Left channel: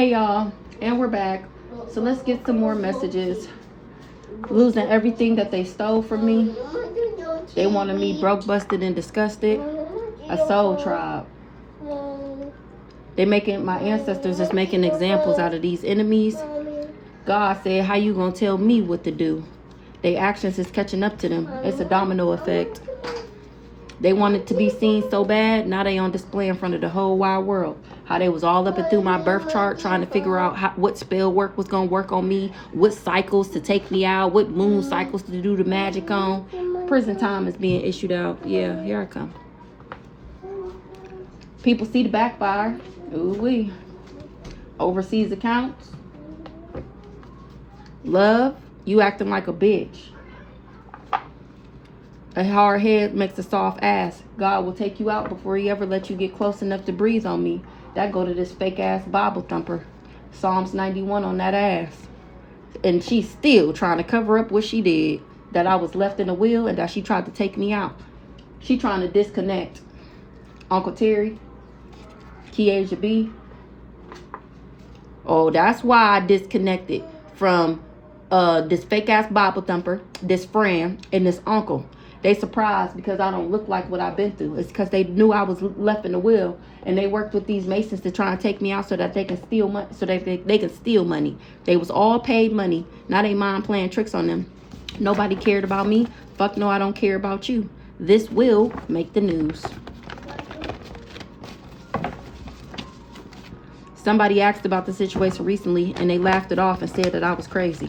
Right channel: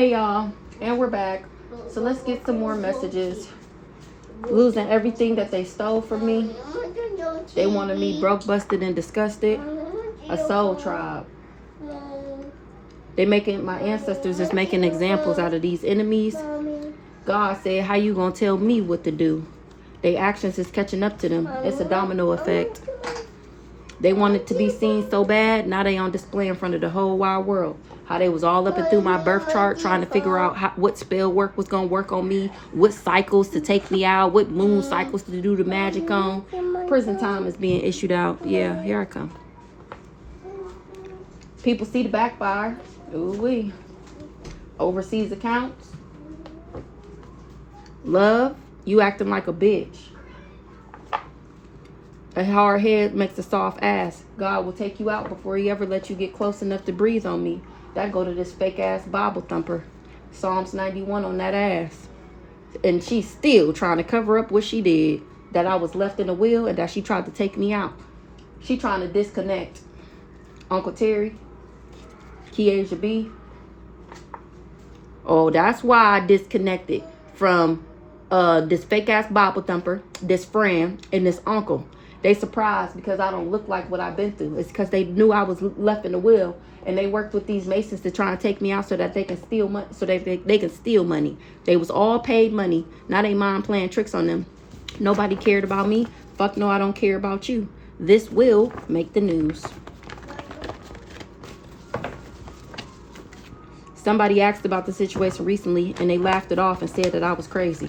Hey y'all, and we're back. So let's get some more messages. Losing everything that they stole from me. They wanted me broke, busted, and disgusted. A soul tribe. My ancestors is making examples out of these enemies. God said, how you gonna tell me what to do? Their actions is catching up to them. It's a domino effect. They wanted to be seen so bad, now they on display in front of the whole wide world. How they was all up and through my birth chart trying to figure out what spell work was going to work on me, what cycles to take me out, what moon cycles to do the magic on. Prison time is being issued out. Yeah, here I come. People see the backfire. Ooh-wee. Overseas accounts. Love, you acting like a bitch. A hard head makes a soft ass. God will take you out before he ever let you get close enough to breathe on me. That go to this fake ass Bible thumper. Psalms 91 on that ass. And she's still trying to cover up what she did. That I was left in the will and that she tried to take me out. She trying to disconnect. Uncle Terry. Kiesia B. Oh, that's why I disconnected from this fake ass Bible thumper, this friend, and this uncle. They surprised because I don't look like what I've been through. It's because they knew I was left in the will, and they worked with these Masons to try and take me out so that they can steal money. So they can steal money. They was all paid money. Now they mind playing tricks on them. Nobody cared about me. Fuck no, I don't care about you. This will make the news. Somebody asked about the situation recently, and they laughed it off and said that I was crazy.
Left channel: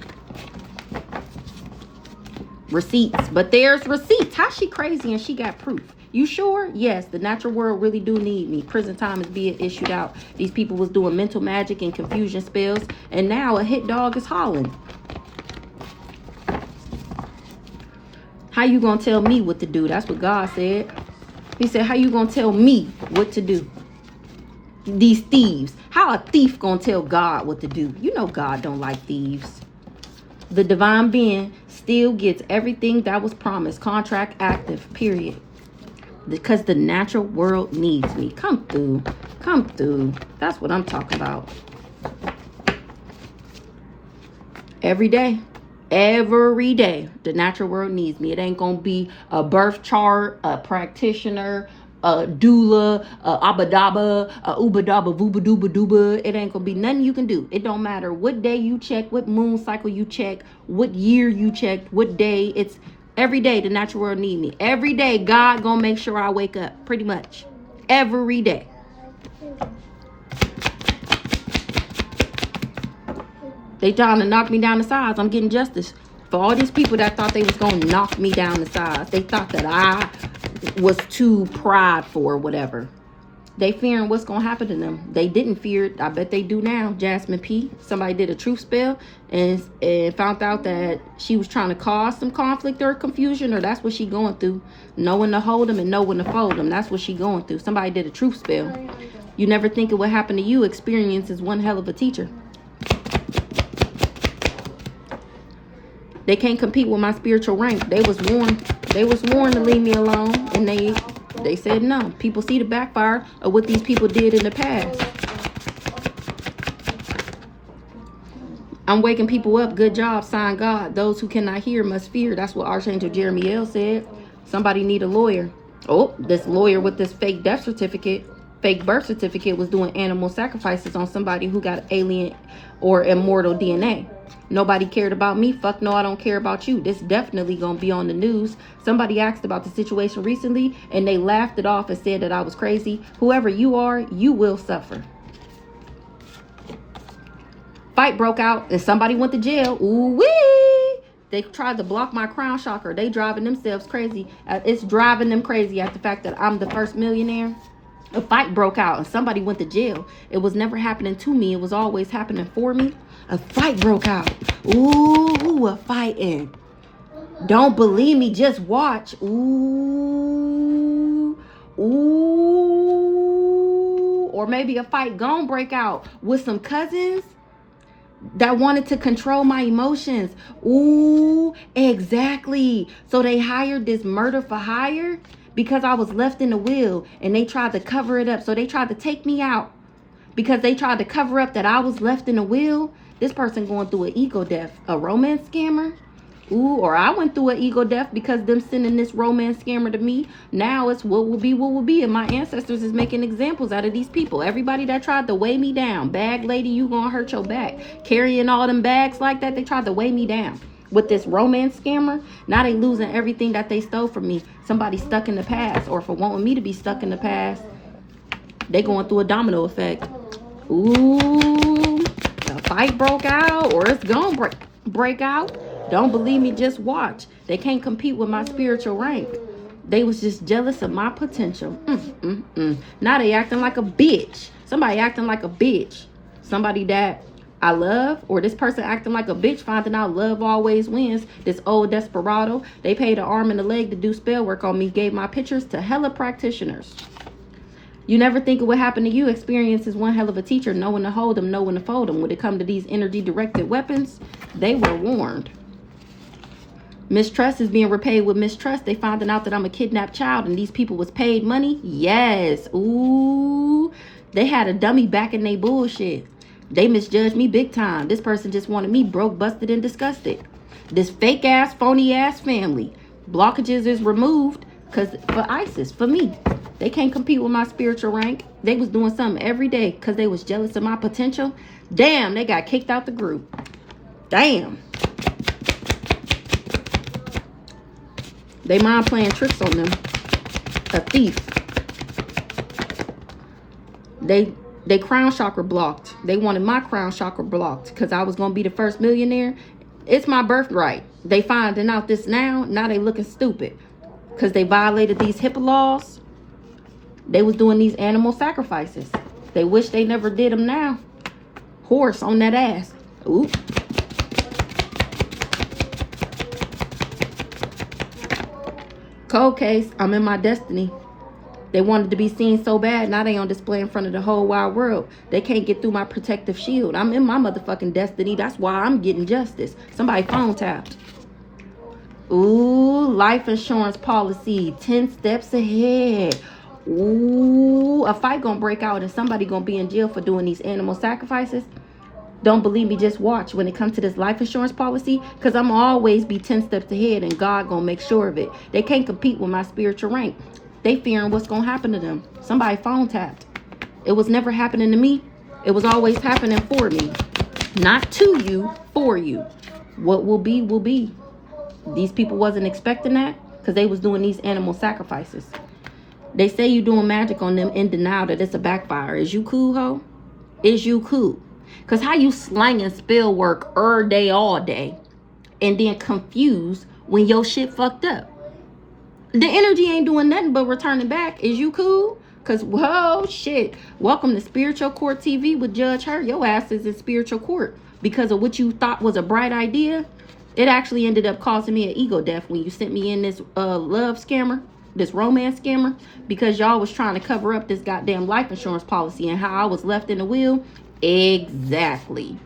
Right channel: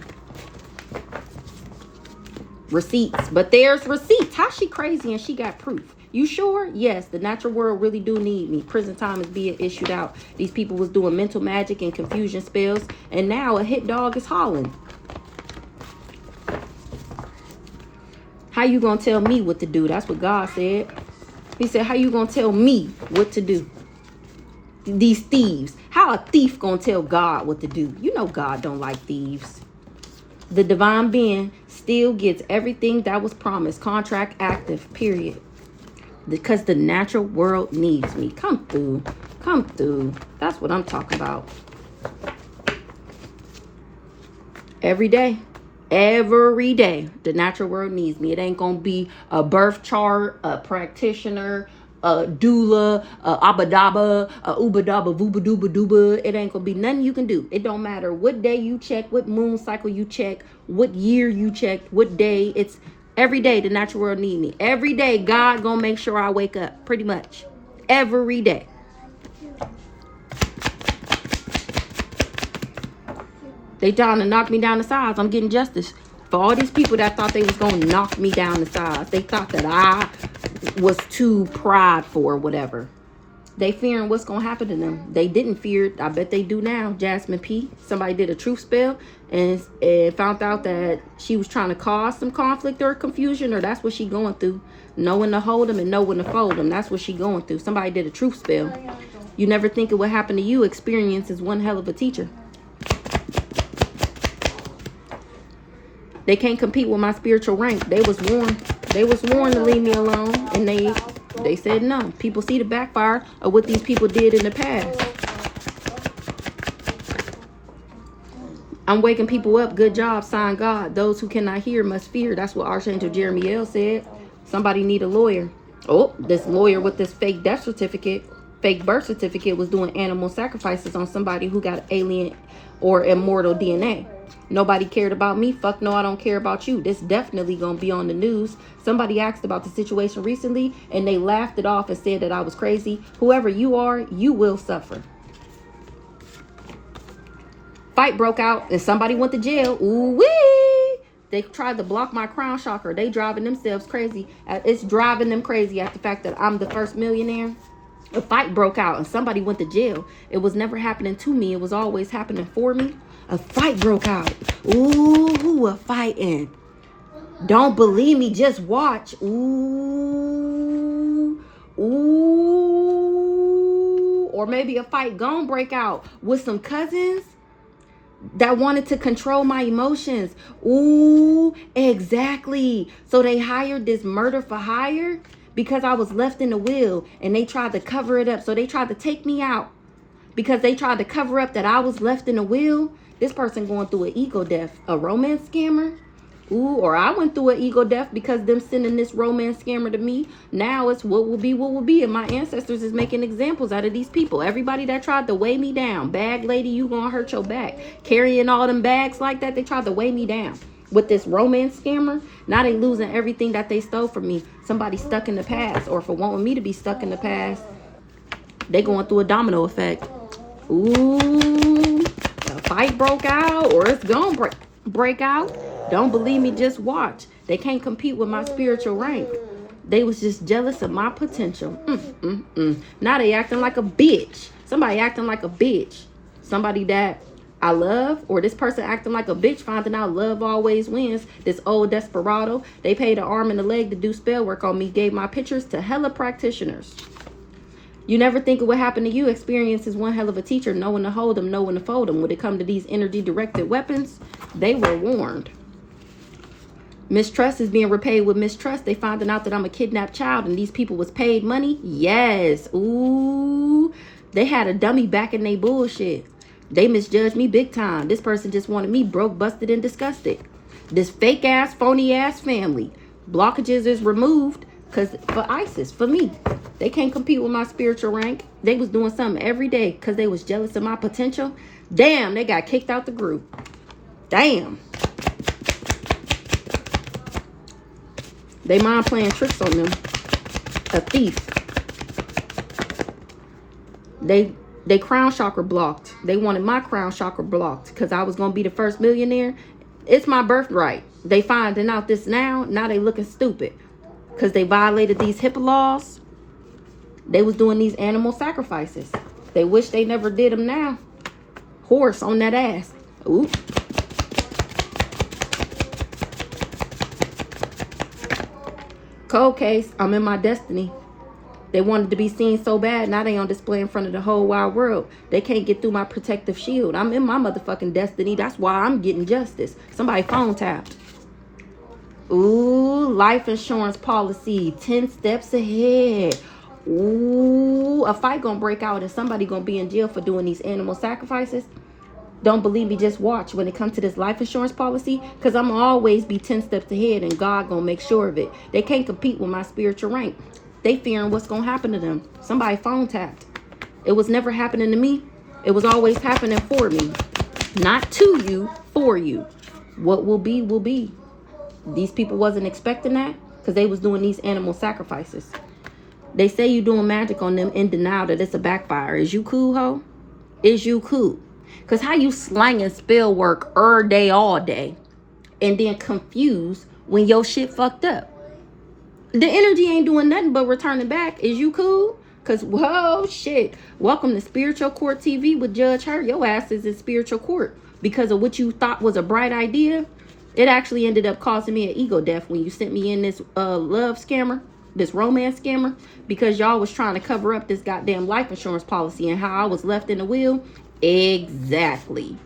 Receipts, but there's receipts. How's she crazy and she got proof? You sure? Yes, the natural world really do need me. Prison time is being issued out. These people was doing mental magic and confusion spells, and now a hit dog is hollering. How you gonna tell me what to do? That's what God said. He said, how you gonna tell me what to do? These thieves. How a thief gonna tell God what to do? You know God don't like thieves. The divine being still gets everything that was promised. Contract active, period. Because the natural world needs me. Come through. Come through. That's what I'm talking about. Every day. Every day. The natural world needs me. It ain't going to be a birth chart, a practitioner, a doula, a abadaba, a ubadaba, vooba dooba. It ain't gonna be nothing you can do. It don't matter what day you check, what moon cycle you check, what year you checked, what day. It's every day the natural world need me. Every day God gonna make sure I wake up. Pretty much. Every day. They trying to knock me down the sides. I'm getting justice. For all these people that thought they was gonna knock me down the sides. They thought that I was too prideful or whatever. They fearing what's gonna happen to them. They didn't fear it. I bet they do now. Jasmine P. Somebody did a truth spell and found out that she was trying to cause some conflict or confusion, or that's what she going through. Know when to hold them and know when to fold them. That's what she going through. Somebody did a truth spell. You never think it would happen to you. Experience is one hell of a teacher. They can't compete with my spiritual rank. They was warned. They was warned to leave me alone, and they said no. People see the backfire of what these people did in the past. I'm waking people up. Good job, sign God. Those who cannot hear must fear. That's what Archangel Jeremiel said. Somebody need a lawyer. Oh, this lawyer with this fake death certificate, fake birth certificate, was doing animal sacrifices on somebody who got alien or immortal DNA. Nobody cared about me. Fuck no, I don't care about you. This definitely gonna be on the news. Somebody asked about the situation recently and they laughed it off and said that I was crazy. Whoever you are, you will suffer. Fight broke out and somebody went to jail. Ooh wee! They tried to block my crown chakra. They driving themselves crazy. It's driving them crazy at the fact that I'm the first millionaire. A fight broke out and somebody went to jail. It was never happening to me. It was always happening for me. A fight broke out. Ooh, a fighting. Don't believe me, just watch. Ooh, ooh. Or maybe a fight gonna break out with some cousins that wanted to control my emotions. Ooh, exactly. So they hired this murder for hire because I was left in the will and they tried to cover it up. So they tried to take me out. because they tried to cover up that I was left in the will. This person going through an ego death, a romance scammer. Ooh, or I went through an ego death because them sending this romance scammer to me. Now it's what will be. And my ancestors is making examples out of these people. Everybody that tried to weigh me down. Bag lady, you gonna hurt your back. Carrying all them bags like that, they tried to weigh me down. With this romance scammer, now they losing everything that they stole from me. Somebody stuck in the past, or for wanting me to be stuck in the past, they going through a domino effect. Ooh, a fight broke out, or it's gonna break out. Don't believe me, just watch. They can't compete with my spiritual rank. They was just jealous of my potential. Now they acting like a bitch. Somebody acting like a bitch. Somebody that I love, or this person acting like a bitch, finding out love always wins. This old desperado, they paid an arm and a leg to do spell work on me, gave my pictures to hella practitioners. You never think of what happened to you. Experience is one hell of a teacher, knowing to hold them, knowing to fold them. When it comes to these energy directed weapons, they were warned. Mistrust is being repaid with mistrust. They finding out that I'm a kidnapped child and these people was paid money. Yes. Ooh, they had a dummy back in they bullshit. They misjudged me big time. This person just wanted me broke, busted, and disgusted. This fake ass, phony ass family. Blockages is removed because for ISIS, for me. They can't compete with my spiritual rank. They was doing something every day because they was jealous of my potential. Damn, they got kicked out the group. Damn. They mind playing tricks on them. A thief. They crown chakra blocked. They wanted my crown chakra blocked because I was going to be the first millionaire. It's my birthright. They finding out this now. Now they looking stupid because they violated these HIPAA laws. They was doing these animal sacrifices. They wish they never did them now. Horse on that ass. Ooh. Cold case, I'm in my destiny. They wanted to be seen so bad, now they on display in front of the whole wide world. They can't get through my protective shield. I'm in my motherfucking destiny. That's why I'm getting justice. Somebody phone tapped. Ooh, life insurance policy, 10 steps ahead. Ooh, a fight gonna break out and somebody gonna be in jail for doing these animal sacrifices. Don't believe me, just watch when it comes to this life insurance policy, because I'm always be 10 steps ahead and God gonna make sure of it. They can't compete with my spiritual rank. They fearing what's gonna happen to them. Somebody phone tapped. It was never happening to me. It was always happening for me. Not to you, for you. What will be, will be. These people wasn't expecting that because they was doing these animal sacrifices. They say you doing magic on them in denial that it's a backfire. Is you cool, ho? Is you cool? Because how you slanging spell work day, all day, and then confused when your shit fucked up? The energy ain't doing nothing but returning back. Is you cool? Because, whoa, shit. Welcome to Spiritual Court TV with Judge Hurt. Your ass is in spiritual court because of what you thought was a bright idea. It actually ended up causing me an ego death when you sent me in this love scammer, this romance scammer, because y'all was trying to cover up this goddamn life insurance policy and how I was left in the will. Exactly.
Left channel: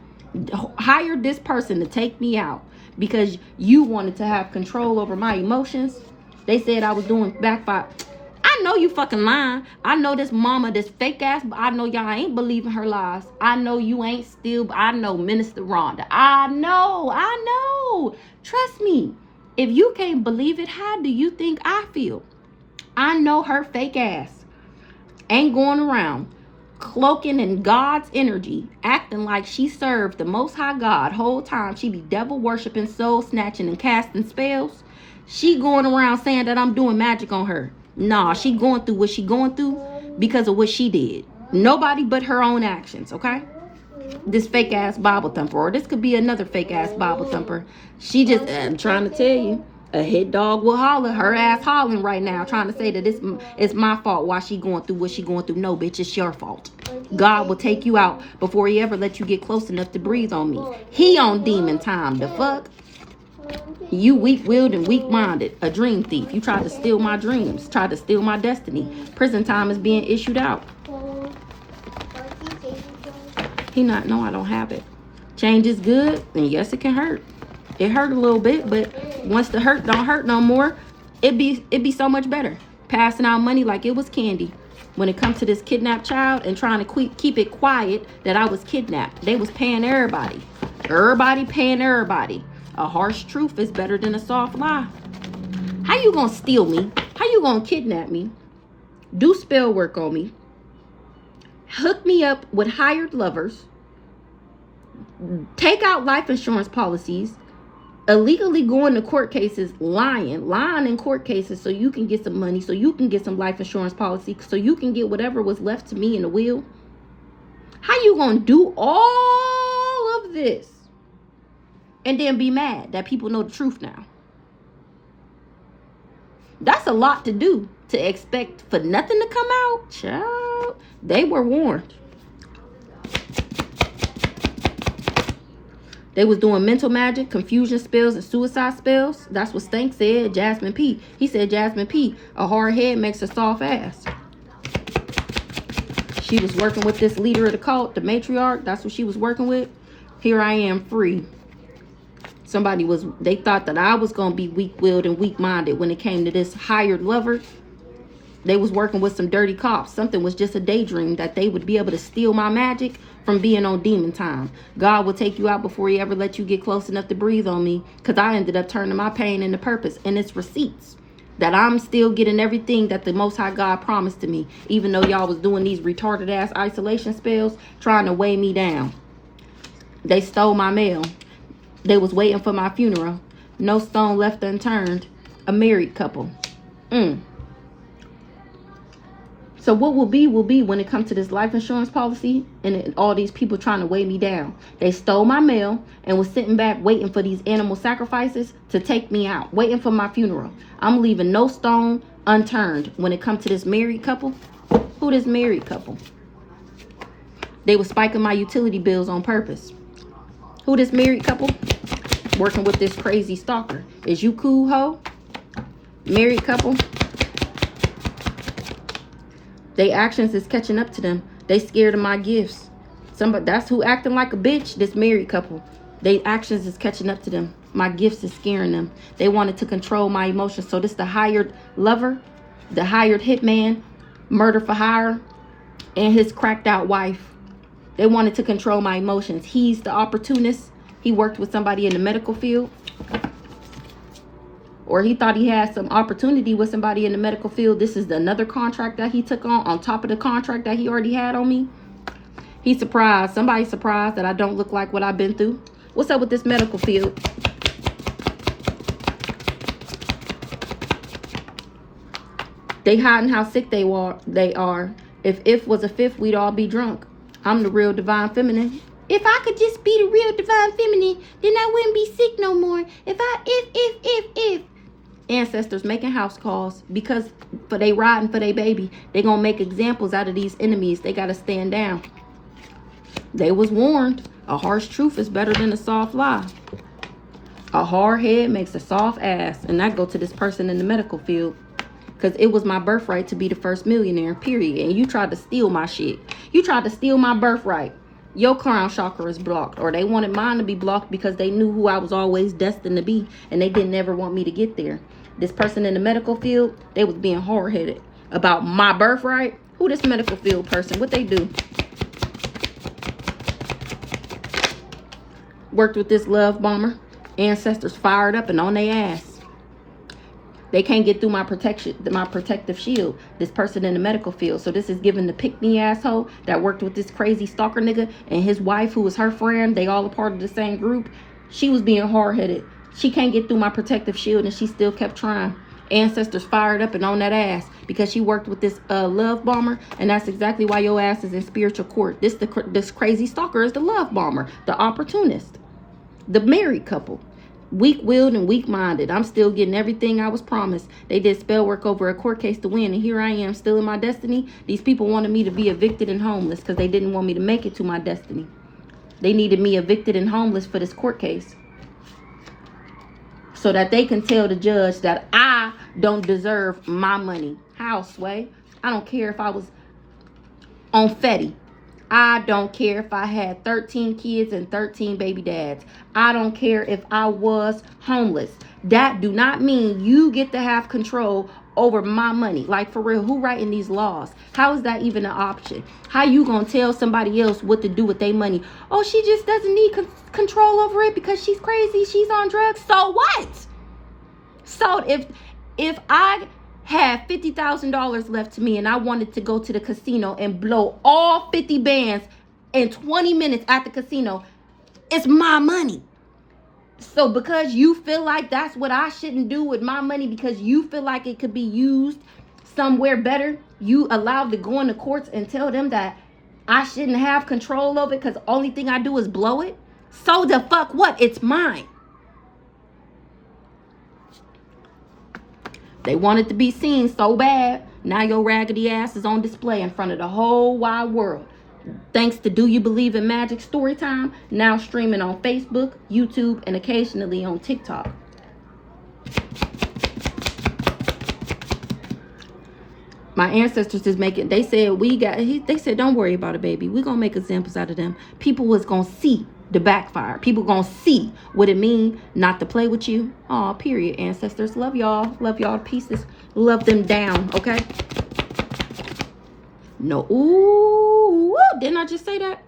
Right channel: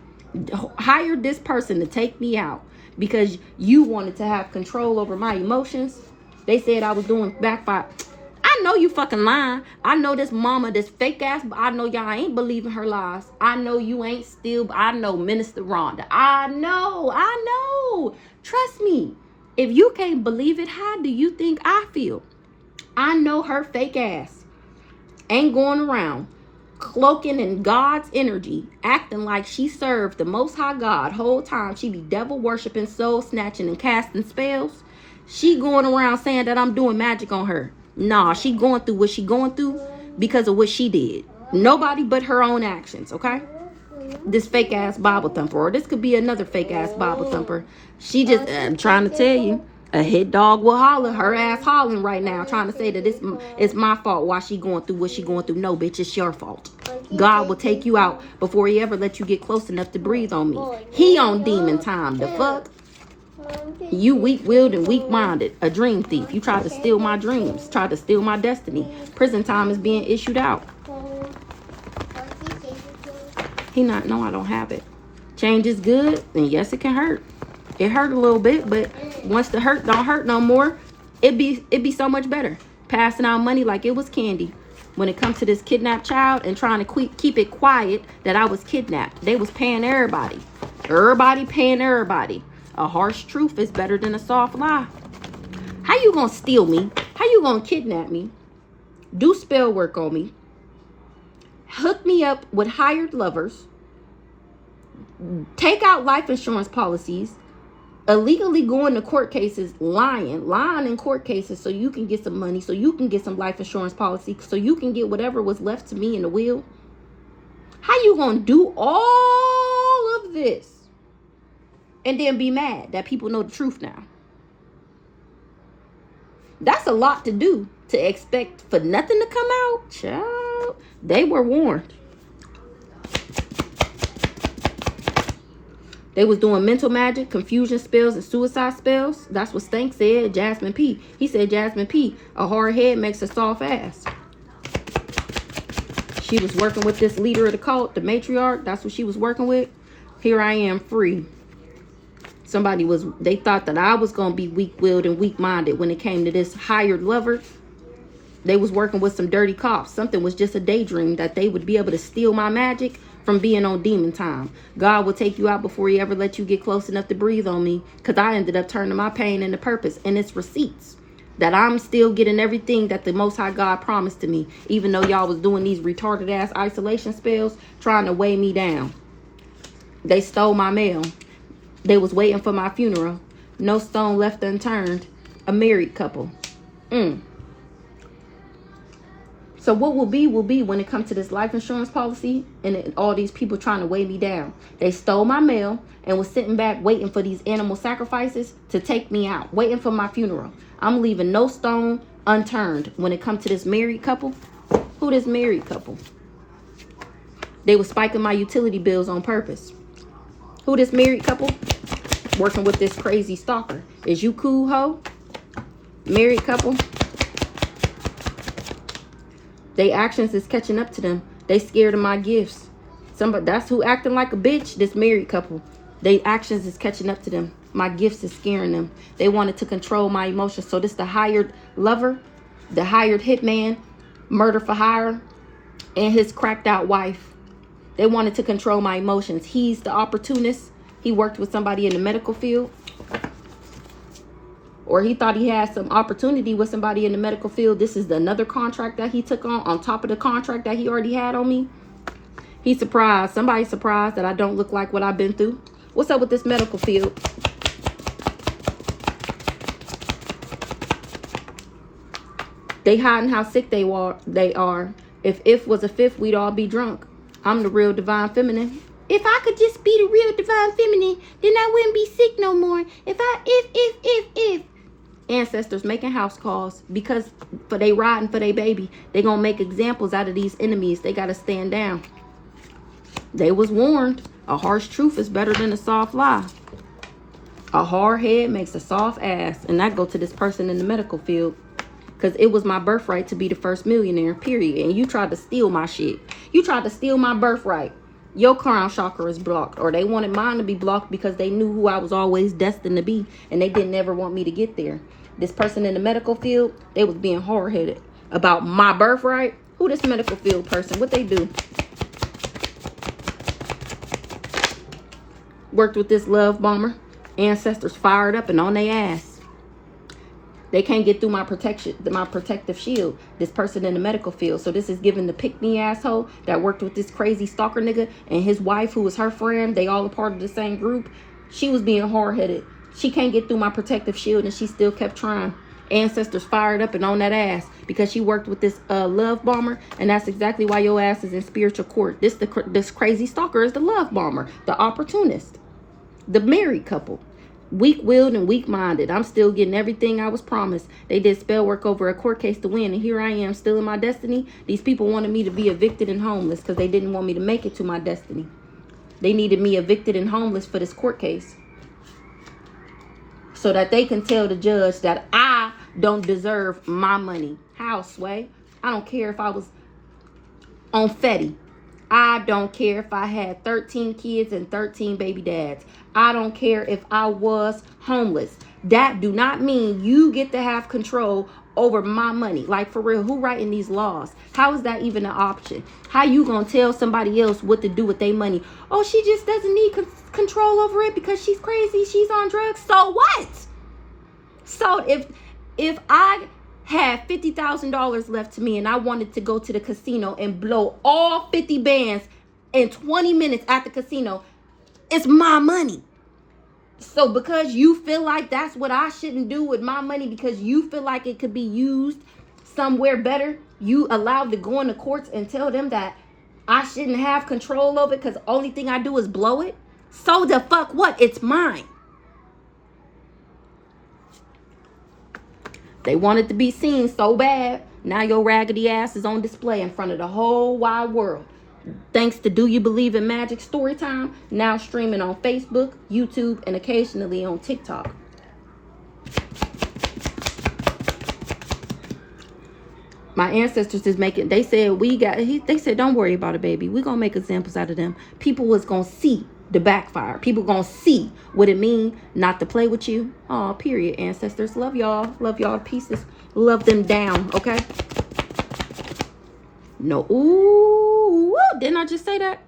Hired this person to take me out because you wanted to have control over my emotions. They said I was doing backfire. I know you fucking lying. I know this mama, this fake ass, but I know y'all ain't believing her lies. I know you ain't still, I know Minister Rhonda. I know. Trust me. If you can't believe it, how do you think I feel? I know her fake ass ain't going around cloaking in God's energy, acting like she served the Most High God. Whole time she be devil worshiping, soul snatching, and casting spells. She going around saying that I'm doing magic on her. Nah, she going through what she going through because of what she did. Nobody but her own actions, okay? This fake ass Bible thumper, or this could be another fake ass Bible thumper. She just, I'm trying to tell you, a hit dog will holler. Her ass hollering right now, trying to say that it's my fault why she going through what she going through. No, bitch, it's your fault. God will take you out before he ever let you get close enough to breathe on me. He on demon time. The fuck? You weak-willed and weak-minded. A dream thief. You tried to steal my dreams. Tried to steal my destiny. Prison time is being issued out. He not, no, I don't have it. Change is good, and yes, it can hurt. It hurt a little bit, but once the hurt don't hurt no more, it be so much better. Passing out money like it was candy. when it comes to this kidnapped child and trying to keep it quiet that I was kidnapped. They was paying everybody. Everybody paying everybody. A harsh truth is better than a soft lie. How you gonna steal me? How you gonna kidnap me? Do spell work on me. Hook me up with hired lovers. Take out life insurance policies. Illegally going to court cases, lying in court cases so you can get some money, so you can get some life insurance policy, so you can get whatever was left to me in the will. How you gonna do all of this and then be mad that people know the truth now? That's a lot to do, to expect for nothing to come out. Child, they were warned. They was doing mental magic, confusion spells, and suicide spells. That's what Stank said, Jasmine P. He said, Jasmine P, a hard head makes a soft ass. She was working with this leader of the cult, the matriarch. That's what she was working with. Here I am, free. They thought that I was going to be weak-willed and weak-minded when it came to this hired lover. They was working with some dirty cops. Something was just a daydream that they would be able to steal my magic from being on demon time. God will take you out before he ever let you get close enough to breathe on me, because I ended up turning my pain into purpose, and it's receipts that I'm still getting everything that the Most High God promised to me, even though y'all was doing these retarded ass isolation spells trying to weigh me down. They stole my mail. They was waiting for my funeral. No stone left unturned. A married couple. So what will be when it comes to this life insurance policy and all these people trying to weigh me down. They stole my mail and was sitting back waiting for these animal sacrifices to take me out, waiting for my funeral. I'm leaving no stone unturned when it comes to this married couple. Who this married couple? They were spiking my utility bills on purpose. Who this married couple? Working with this crazy stalker. Is you cool, ho? Married couple? They actions is catching up to them. They scared of my gifts. That's who acting like a bitch, this married couple. They actions is catching up to them. My gifts is scaring them. They wanted to control my emotions. So this the hired lover, the hired hitman, murder for hire, and his cracked out wife. They wanted to control my emotions. He's the opportunist. He worked with somebody in the medical field. Or he thought he had some opportunity with somebody in the medical field. This is another contract that he took on top of the contract that he already had on me. He's surprised. Somebody's surprised that I don't look like what I've been through. What's up with this medical field? They hiding how sick they are. If was a fifth, we'd all be drunk. I'm the real divine feminine. If I could just be the real divine feminine, then I wouldn't be sick no more. If ancestors making house calls because for they riding for their baby, they gonna make examples out of these enemies. They gotta stand down. They was warned. A harsh truth is better than a soft lie. A hard head makes a soft ass. And that go to this person in the medical field. Because it was my birthright to be the first millionaire, period. And you tried to steal my shit. You tried to steal my birthright. Your crown chakra is blocked. Or they wanted mine to be blocked because they knew who I was always destined to be. And they didn't ever want me to get there. This person in the medical field, they was being hard-headed about my birthright. Who this medical field person? What they do? Worked with this love bomber. Ancestors fired up and on their ass. They can't get through my protective shield. This person in the medical field. So this is giving the pick-me asshole that worked with this crazy stalker nigga and his wife who was her friend. They all a part of the same group. She was being hard-headed. She can't get through my protective shield and she still kept trying. Ancestors fired up and on that ass because she worked with this love bomber, and that's exactly why your ass is in spiritual court. This crazy stalker is the love bomber, the opportunist, the married couple. Weak-willed and weak-minded. I'm still getting everything I was promised. They did spell work over a court case to win, and here I am still in my destiny. These people wanted me to be evicted and homeless because they didn't want me to make it to my destiny. They needed me evicted and homeless for this court case so that they can tell the judge that I don't deserve my money. How, Sway? I don't care if I was on Fetty. I don't care if I had 13 kids and 13 baby dads. I don't care if I was homeless. That do not mean you get to have control over my money. Like, for real, who writing these laws? How is that even an option? How you gonna tell somebody else what to do with their money? Oh, she just doesn't need control over it because she's crazy, she's on drugs. So what? So if I had $50,000 left to me and I wanted to go to the casino and blow all 50 bands in 20 minutes at the casino, it's my money. So because you feel like that's what I shouldn't do with my money, because you feel like it could be used somewhere better, you allowed to go in the courts and tell them that I shouldn't have control over it because the only thing I do is blow it? So the fuck what? It's mine. They want it to be seen so bad. Now your raggedy ass is on display in front of the whole wide world. Thanks to Do You Believe in Magic Storytime, now streaming on Facebook, YouTube, and occasionally on TikTok. My ancestors is making, they said, they said, don't worry about it, baby. We're going to make examples out of them. People was going to see the backfire. People going to see what it mean not to play with you. Oh, period, ancestors. Love y'all. Love y'all to pieces. Love them down, okay? No, ooh, didn't I just say that?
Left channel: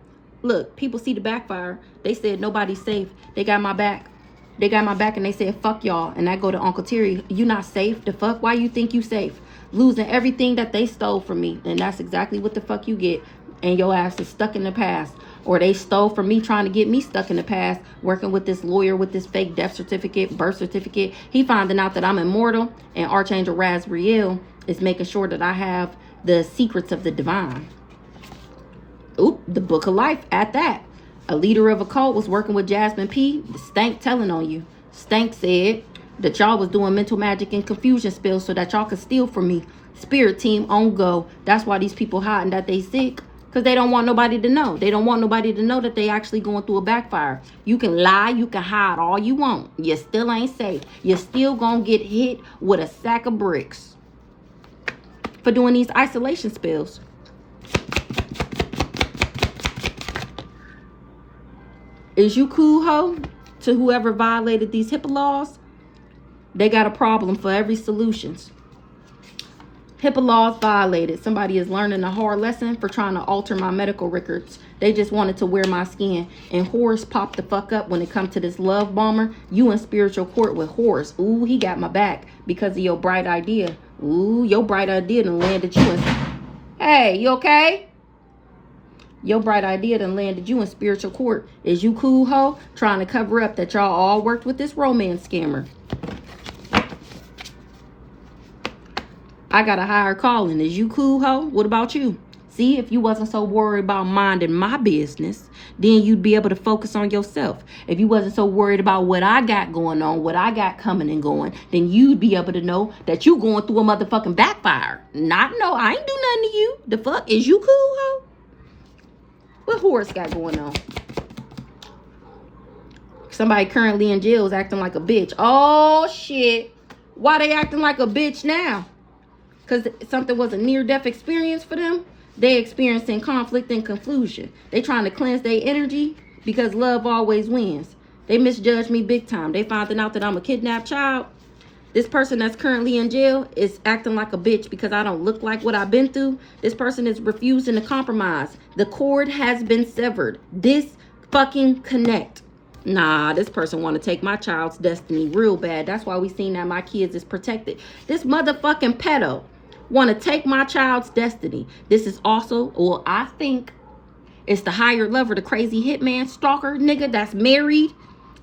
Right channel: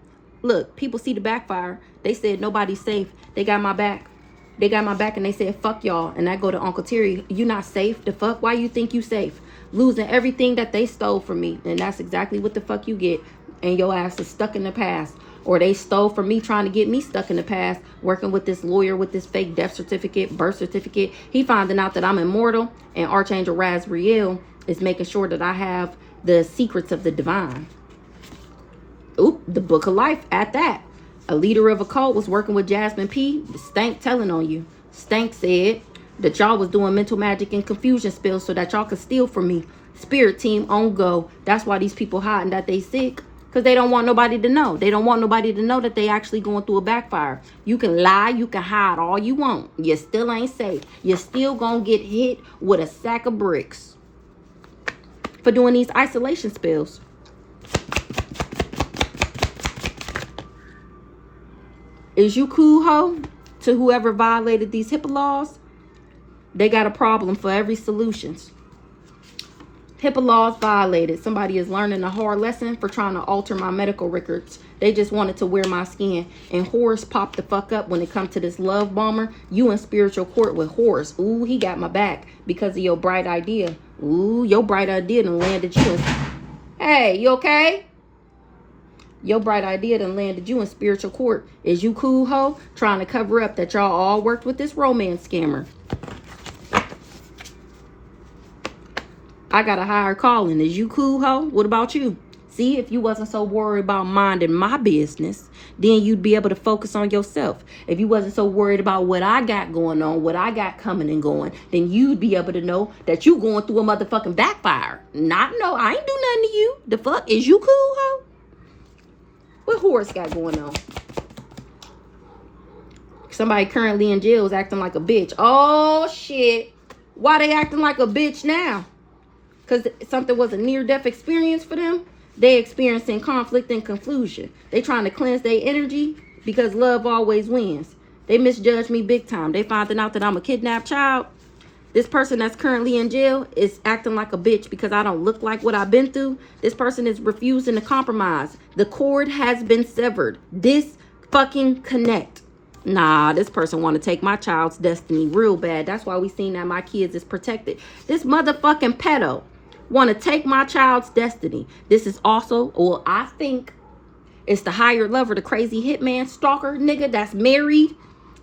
Look, people see the backfire. They said nobody's safe. They got my back. They got my back and they said, fuck y'all. And I go to Uncle Terry, you not safe? The fuck? Why you think you safe? Losing everything that they stole from me. And that's exactly what the fuck you get. And your ass is stuck in the past. Or they stole from me trying to get me stuck in the past. Working with this lawyer with this fake death certificate, birth certificate. He finding out that I'm immortal. And Archangel Razriel is making sure that I have the secrets of the divine. Oop, the book of life at that. A leader of a cult was working with Jasmine P. Stank telling on you. Stank said that y'all was doing mental magic and confusion spells so that y'all could steal from me. Spirit team on go. That's why these people hiding that they sick. Because they don't want nobody to know. They don't want nobody to know that they actually going through a backfire. You can lie. You can hide all you want. You still ain't safe. You're still going to get hit with a sack of bricks for doing these isolation spells. Is you cool, ho? To whoever violated these HIPAA laws, they got a problem for every solutions. HIPAA laws violated. Somebody is learning a hard lesson for trying to alter my medical records. They just wanted to wear my skin. And Horus popped the fuck up when it comes to this love bomber. You in spiritual court with Horus. Ooh, he got my back because of your bright idea. Ooh, your bright idea done landed you in... Hey, you okay? Your bright idea done landed you in spiritual court. Is you cool, ho? Trying to cover up that y'all all worked with this romance scammer. I got a higher calling. Is you cool, ho? What about you? See, if you wasn't so worried about minding my business, then you'd be able to focus on yourself. If you wasn't so worried about what I got going on, what I got coming and going, then you'd be able to know that you going through a motherfucking backfire. Not no, I ain't do nothing to you. The fuck? Is you cool, ho? What Horus got going on? Somebody currently in jail is acting like a bitch. Oh, shit. Why they acting like a bitch now? Because something was a near-death experience for them? They experiencing conflict and confusion. They trying to cleanse their energy because love always wins. They misjudged me big time. They finding out that I'm a kidnapped child. This person that's currently in jail is acting like a bitch because I don't look like what I've been through. This person is refusing to compromise. The cord has been severed. This fucking connect. Nah, this person want to take my child's destiny real bad. That's why we seen that my kids is protected. This motherfucking pedo want to take my child's destiny. This is also, or I think, it's the higher lover, the crazy hitman stalker nigga that's married.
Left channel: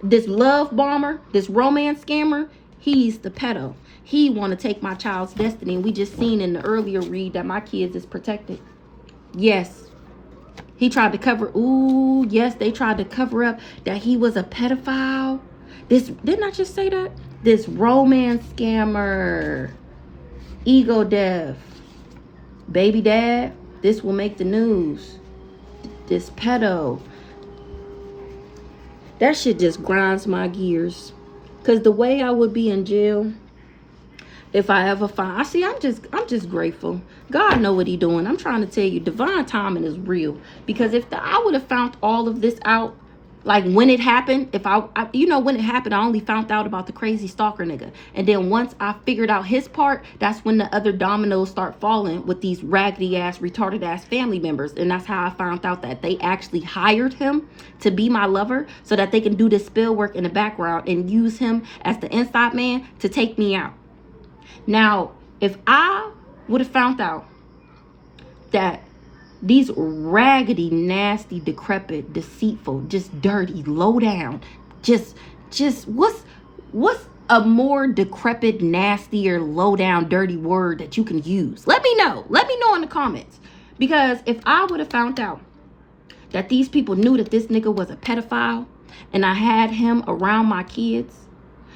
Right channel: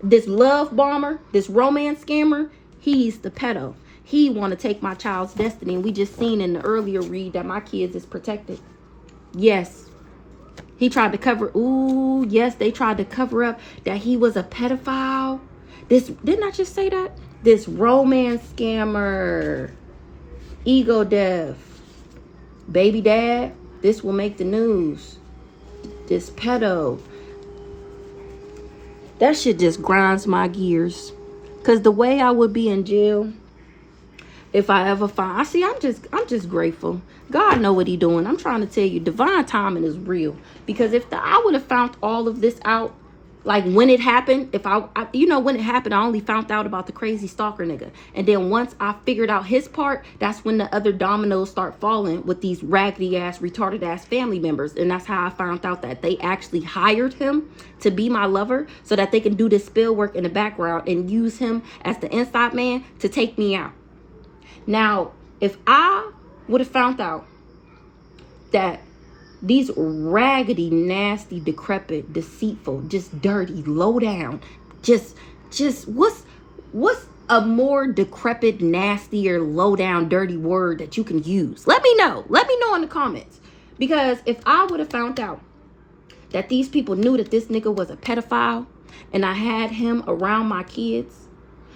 This love bomber, this romance scammer. He's the pedo. He want to take my child's destiny. And we just seen in the earlier read that my kids is protected. Yes. He tried to cover. Ooh, yes, they tried to cover up that he was a pedophile. This, didn't I just say that? This romance scammer. Ego death. Baby dad. This will make the news. This pedo. That shit just grinds my gears. Because the way I would be in jail, if I ever find, I'm just grateful. God know what he doing. I'm trying to tell you, divine timing is real. Because if I would have found all of this out Like when it happened, if you know, when it happened, I only found out about the crazy stalker nigga. And then once I figured out his part, that's when the other dominoes start falling with these raggedy ass, retarded ass family members. And that's how I found out that they actually hired him to be my lover so that they can do this spill work in the background and use him as the inside man to take me out. Now, if I would have found out that these raggedy, nasty, decrepit, deceitful, just dirty, low down, just what's a more decrepit, nastier, low down, dirty word that you can use? Let me know. Let me know in the comments. Because if I would have found out that these people knew that this nigga was a pedophile and I had him around my kids.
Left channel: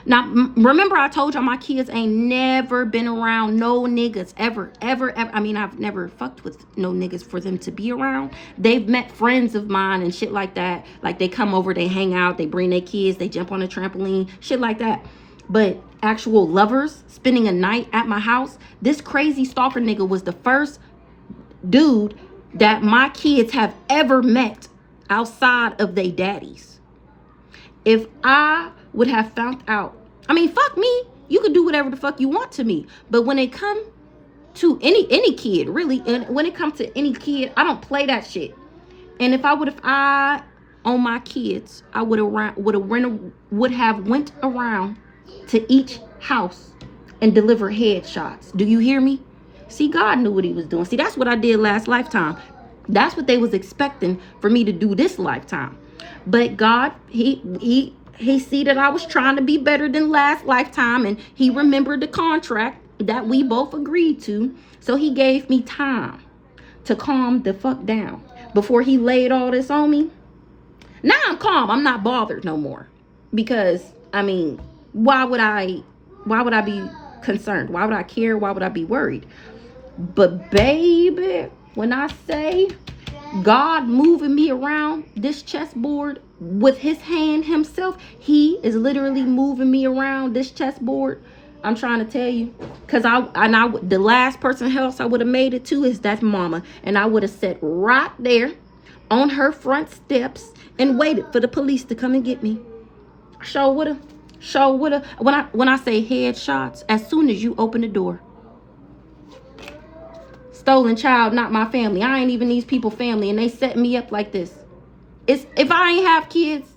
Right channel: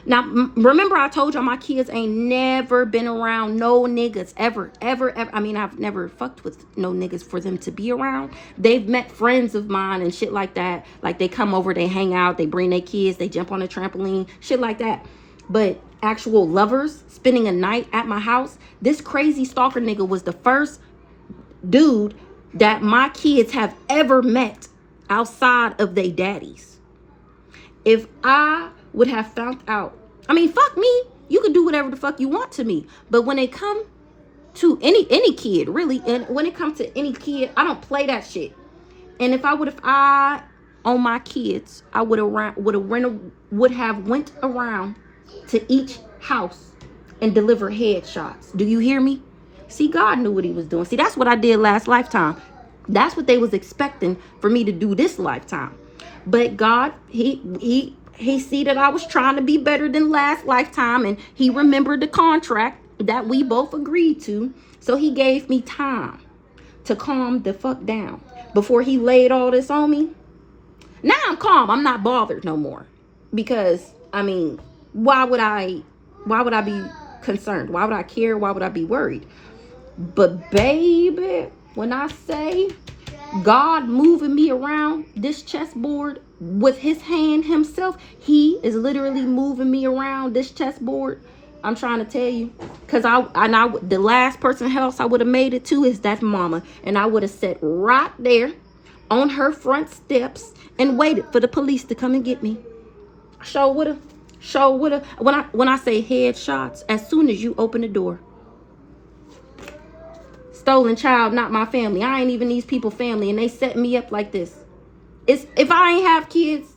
Now, remember I told y'all my kids ain't never been around no niggas ever. I mean, I've never fucked with no niggas for them to be around. They've met friends of mine and shit like that. Like they come over, they hang out, they bring their kids, they jump on a trampoline, shit like that. But actual lovers spending a night at my house, this crazy stalker nigga was the first dude that my kids have ever met outside of their daddies. If I would have found out, I mean, fuck me, you can do whatever the fuck you want to me, but when it come to any kid, really, and when it comes to any kid, I don't play that shit. And if I on my kids, I would have went around to each house and deliver headshots. Do you hear me? See, God knew what he was doing. See, that's what I did last lifetime. That's what they was expecting for me to do this lifetime. But God, he see that I was trying to be better than last lifetime, and he remembered the contract that we both agreed to. So he gave me time to calm the fuck down before he laid all this on me. Now I'm calm. I'm not bothered no more. Because, I mean, why would I be concerned? Why would I care? Why would I be worried? But baby, when I say God moving me around this chessboard with his hand himself, he is literally moving me around this chessboard. I'm trying to tell you, because the last person house I would have made it to is that mama, and I would have sat right there on her front steps and waited for the police to come and get me. Sure woulda. When I say headshots, as soon as you open the door. Stolen child, not my family. I ain't even these people family, and they set me up like this. If I ain't have kids,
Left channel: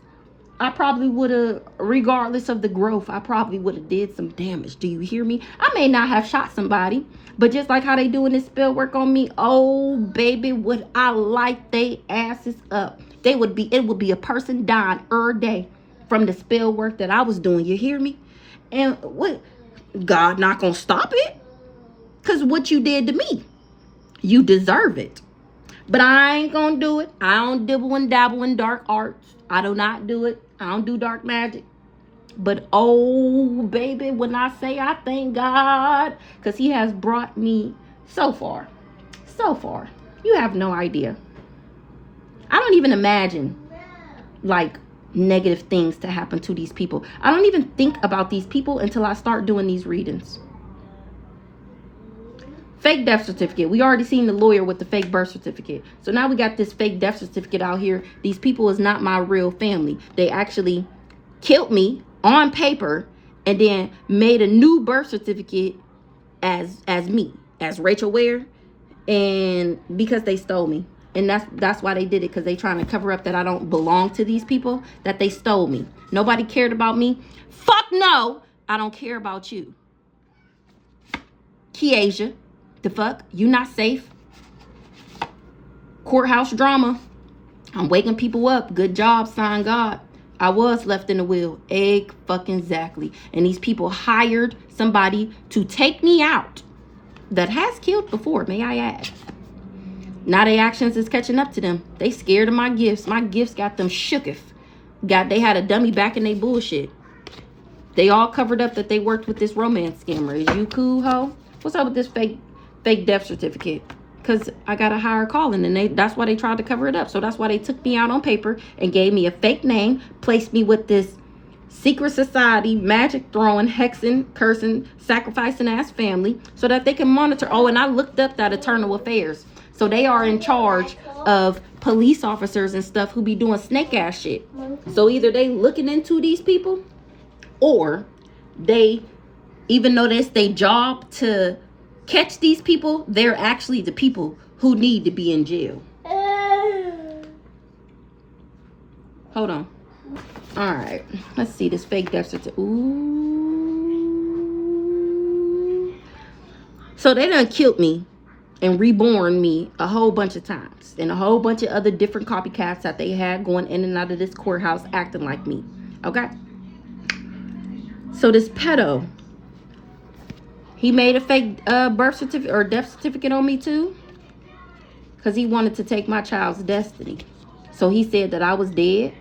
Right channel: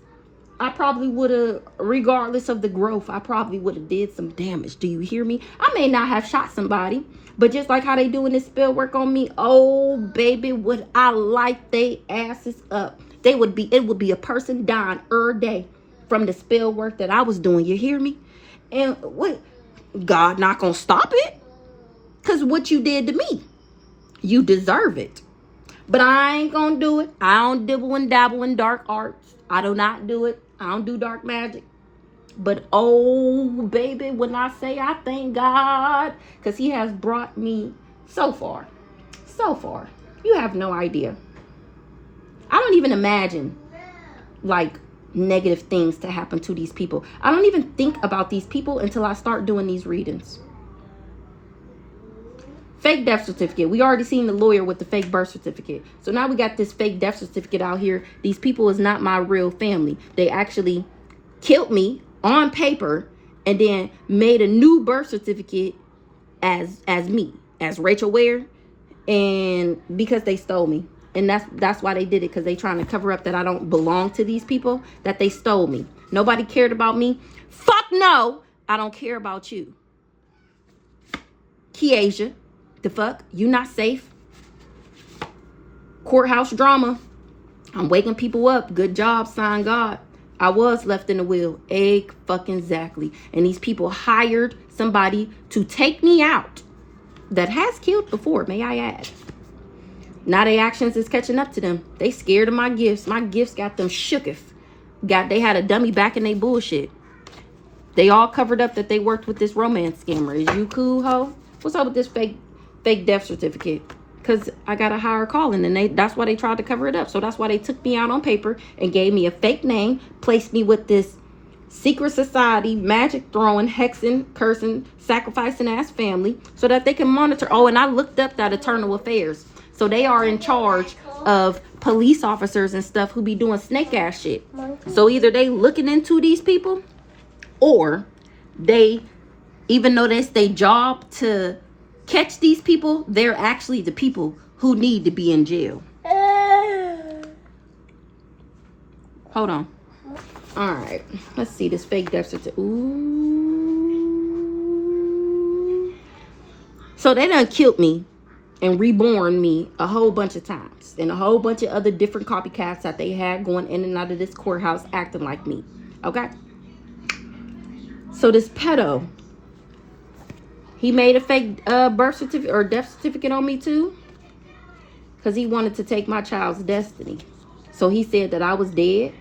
I probably would have, regardless of the growth, I probably would have did some damage. Do you hear me? I may not have shot somebody, but just like how they doing this spell work on me, oh baby, would I light they asses up. It would be a person dying every day from the spell work that I was doing. You hear me? And what? God not gonna stop it? Because what you did to me, you deserve it. But I ain't gonna do it. I don't dibble and dabble in dark arts. I do not do it. I don't do dark magic. But oh baby, when I say I thank God, because he has brought me so far. So far. You have no idea. I don't even imagine like negative things to happen to these people. I don't even think about these people until I start doing these readings. Fake death certificate. We already seen the lawyer with the fake birth certificate. So now we got this fake death certificate out here. These people is not my real family. They actually killed me on paper and then made a new birth certificate as me, as Rachel Ware, and because they stole me. And that's why they did it, because they trying to cover up that I don't belong to these people, that they stole me. Nobody cared about me. Fuck no, I don't care about you. Kiesha. The fuck? You not safe? Courthouse drama. I'm waking people up. Good job, sign God. I was left in the wheel. Fucking exactly. And these people hired somebody to take me out that has killed before, may I add. Now their actions is catching up to them. They scared of my gifts. My gifts got them shooketh. They had a dummy back in their bullshit. They all covered up that they worked with this romance scammer. Is you cool, ho? What's up with this fake death certificate? Because I got a higher calling, and that's why they tried to cover it up. So that's why they took me out on paper and gave me a fake name, placed me with this secret society, magic throwing, hexing, cursing, sacrificing ass family so that they can monitor. Oh, and I looked up that Eternal Affairs. So they are in charge of police officers and stuff who be doing snake ass shit. So either they looking into these people, or they, even though that's their job to catch these people, they're actually the people who need to be in jail. Hold on. All right, let's see this fake death certificate. Ooh. So they done killed me and reborn me a whole bunch of times, and a whole bunch of other different copycats that they had going in and out of this courthouse acting like me. Okay. So this pedo, he made a fake birth certificate or death certificate on me too, because he wanted to take my child's destiny. So he said that I was dead.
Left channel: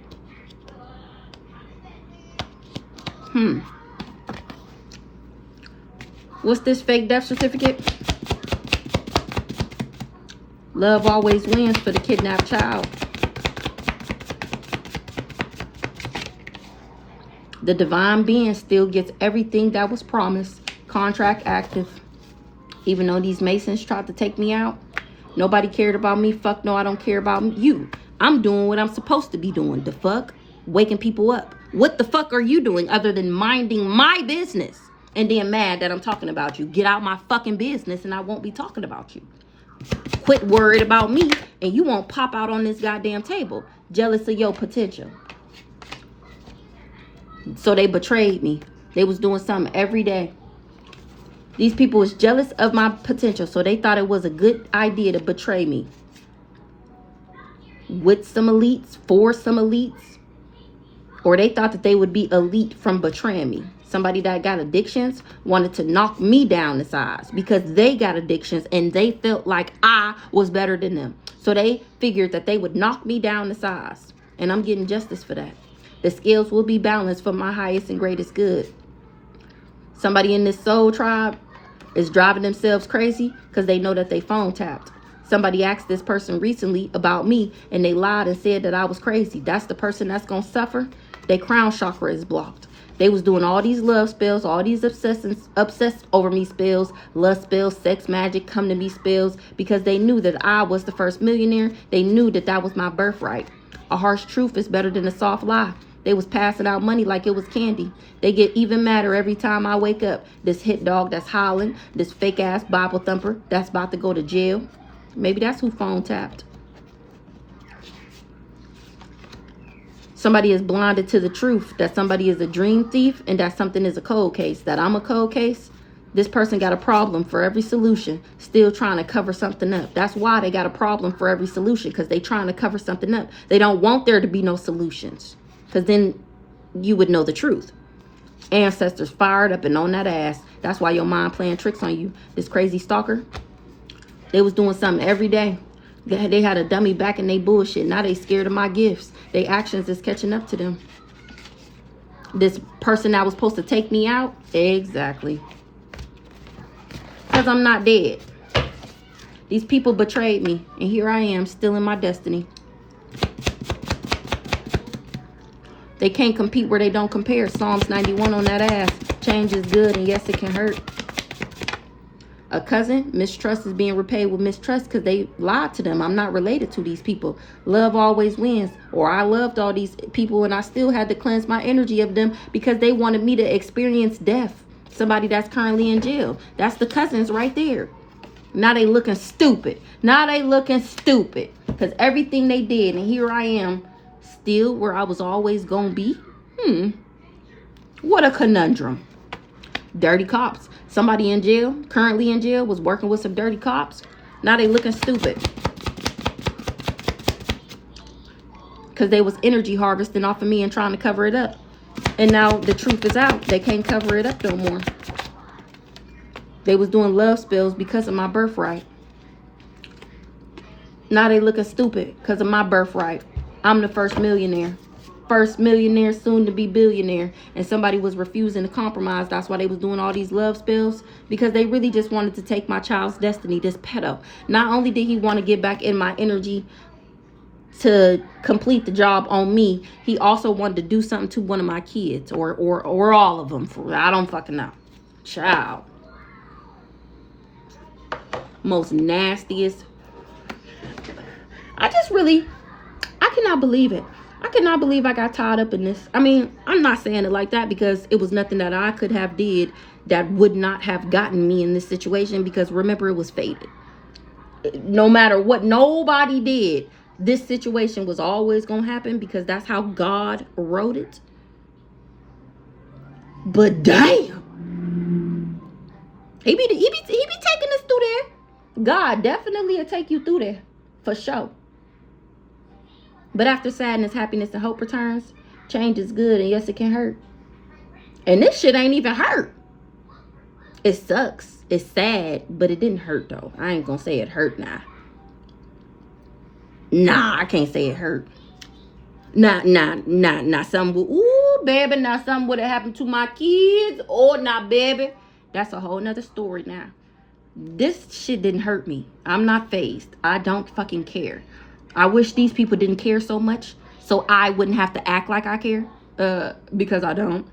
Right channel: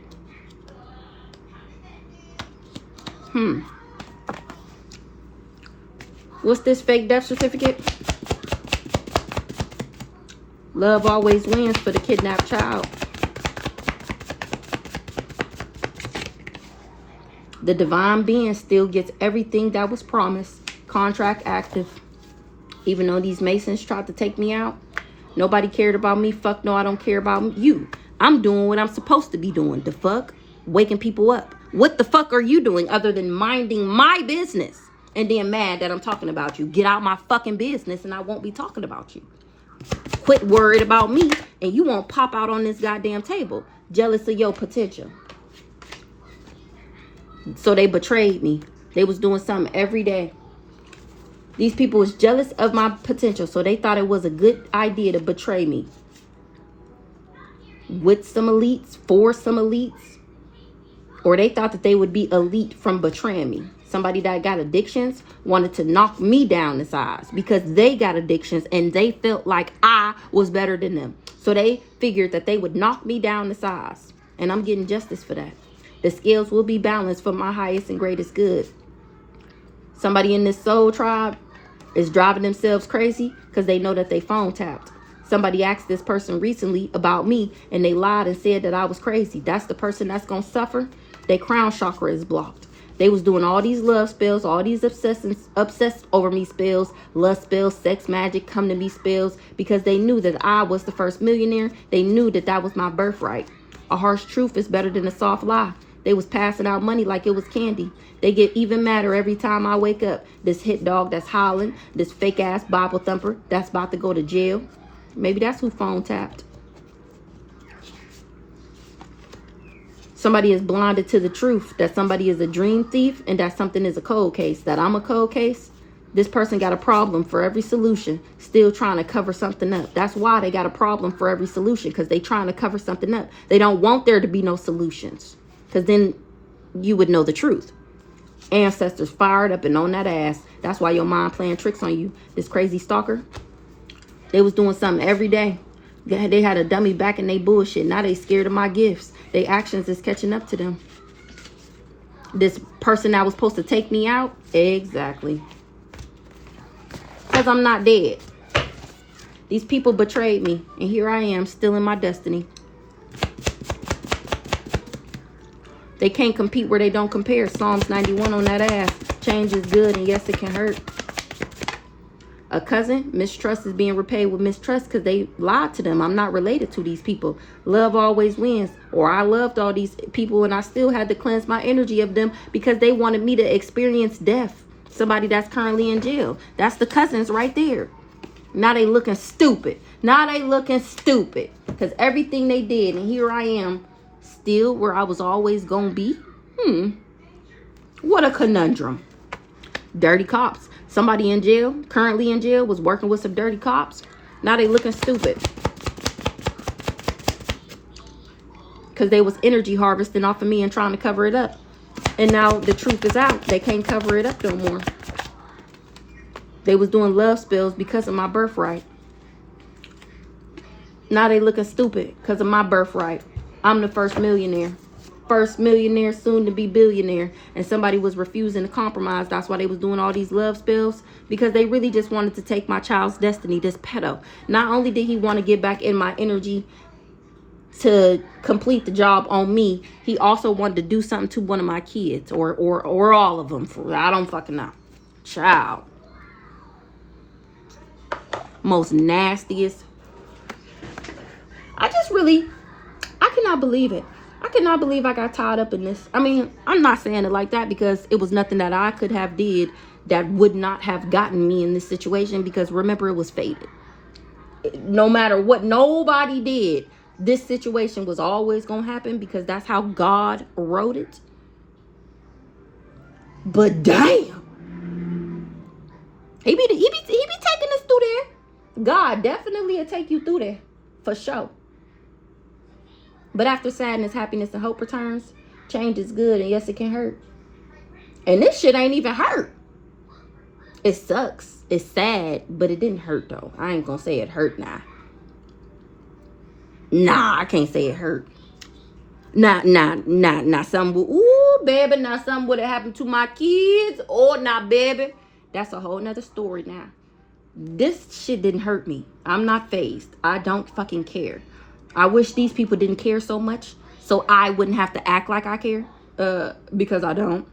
What's this fake death certificate? Love always wins for the kidnapped child. The divine being still gets everything that was promised. Contract active. Even though these Masons tried to take me out, nobody cared about me. Fuck no, I don't care about you. I'm doing what I'm supposed to be doing. The fuck? Waking people up. What the fuck are you doing other than minding my business and then mad that I'm talking about you? Get out my fucking business and I won't be talking about you. Quit worried about me and you won't pop out on this goddamn table. Jealous of your potential. So they betrayed me. They was doing something every day. These people was jealous of my potential, so they thought it was a good idea to betray me. With some elites, for some elites. Or they thought that they would be elite from betraying me. Somebody that got addictions wanted to knock me down the size because they got addictions and they felt like I was better than them. So they figured that they would knock me down the size. And I'm getting justice for that. The scales will be balanced for my highest and greatest good. Somebody in this soul tribe is driving themselves crazy because they know that they phone tapped. Somebody asked this person recently about me and they lied and said that I was crazy. That's the person that's going to suffer. Their crown chakra is blocked. They was doing all these love spells, all these obsessed over me spells, lust spells, sex magic, come to me spells, because they knew that I was the first millionaire. They knew that that was my birthright. A harsh truth is better than a soft lie. They was passing out money like it was candy. They get even madder every time I wake up. This hit dog that's howling, this fake ass Bible thumper that's about to go to jail. Maybe that's who phone tapped. Somebody is blinded to the truth that somebody is a dream thief and that something is a cold case, that I'm a cold case. This person got a problem for every solution, still trying to cover something up. That's why they got a problem for every solution, because they trying to cover something up. They don't want there to be no solutions, because then you would know the truth. Ancestors fired up and on that ass. That's why your mind playing tricks on you. This crazy stalker, they was doing something every day. They had a dummy back in they bullshit. Now they scared of my gifts. Their actions is catching up to them. This person that was supposed to take me out, exactly. Because I'm not dead. These people betrayed me. And here I am, still in my destiny. They can't compete where they don't compare. Psalms 91 on that ass. Change is good and yes, it can hurt. A cousin, mistrust is being repaid with mistrust because they lied to them. I'm not related to these people. Love always wins. Or I loved all these people and I still had to cleanse my energy of them because they wanted me to experience death. Somebody that's currently in jail. That's the cousins right there. Now they looking stupid. Now they looking stupid. Because everything they did, and here I am, still where I was always going to be. What a conundrum. Dirty cops. Somebody in jail, currently in jail, was working with some dirty cops. Now they looking stupid. Because they was energy harvesting off of me and trying to cover it up. And now the truth is out. They can't cover it up no more. They was doing love spells because of my birthright. Now they looking stupid because of my birthright. I'm the first millionaire. First millionaire, soon to be billionaire. And somebody was refusing to compromise. That's why they was doing all these love spells. Because they really just wanted to take my child's destiny, this pedo. Not only did he want to get back in my energy to complete the job on me, he also wanted to do something to one of my kids. Or all of them. I don't fucking know. Child. Most nastiest. I just It's really, I cannot believe it. I cannot believe I got tied up in this. I mean, I'm not saying it like that because it was nothing that I could have did that would not have gotten me in this situation, because remember, it was fated. No matter what nobody did, this situation was always going to happen because that's how God wrote it. But damn, he be taking us through there. God definitely will take you through there for sure. But after sadness, happiness, and hope returns, change is good, and yes, it can hurt. And this shit ain't even hurt. It sucks. It's sad, but it didn't hurt though. I ain't gonna say it hurt now. Nah, I can't say it hurt. Nah. Something, ooh, baby, now something would have happened to my kids. Oh, nah, baby. That's a whole nother story now. This shit didn't hurt me. I'm not fazed. I don't fucking care. I wish these people didn't care so much so I wouldn't have to act like I care, because I don't.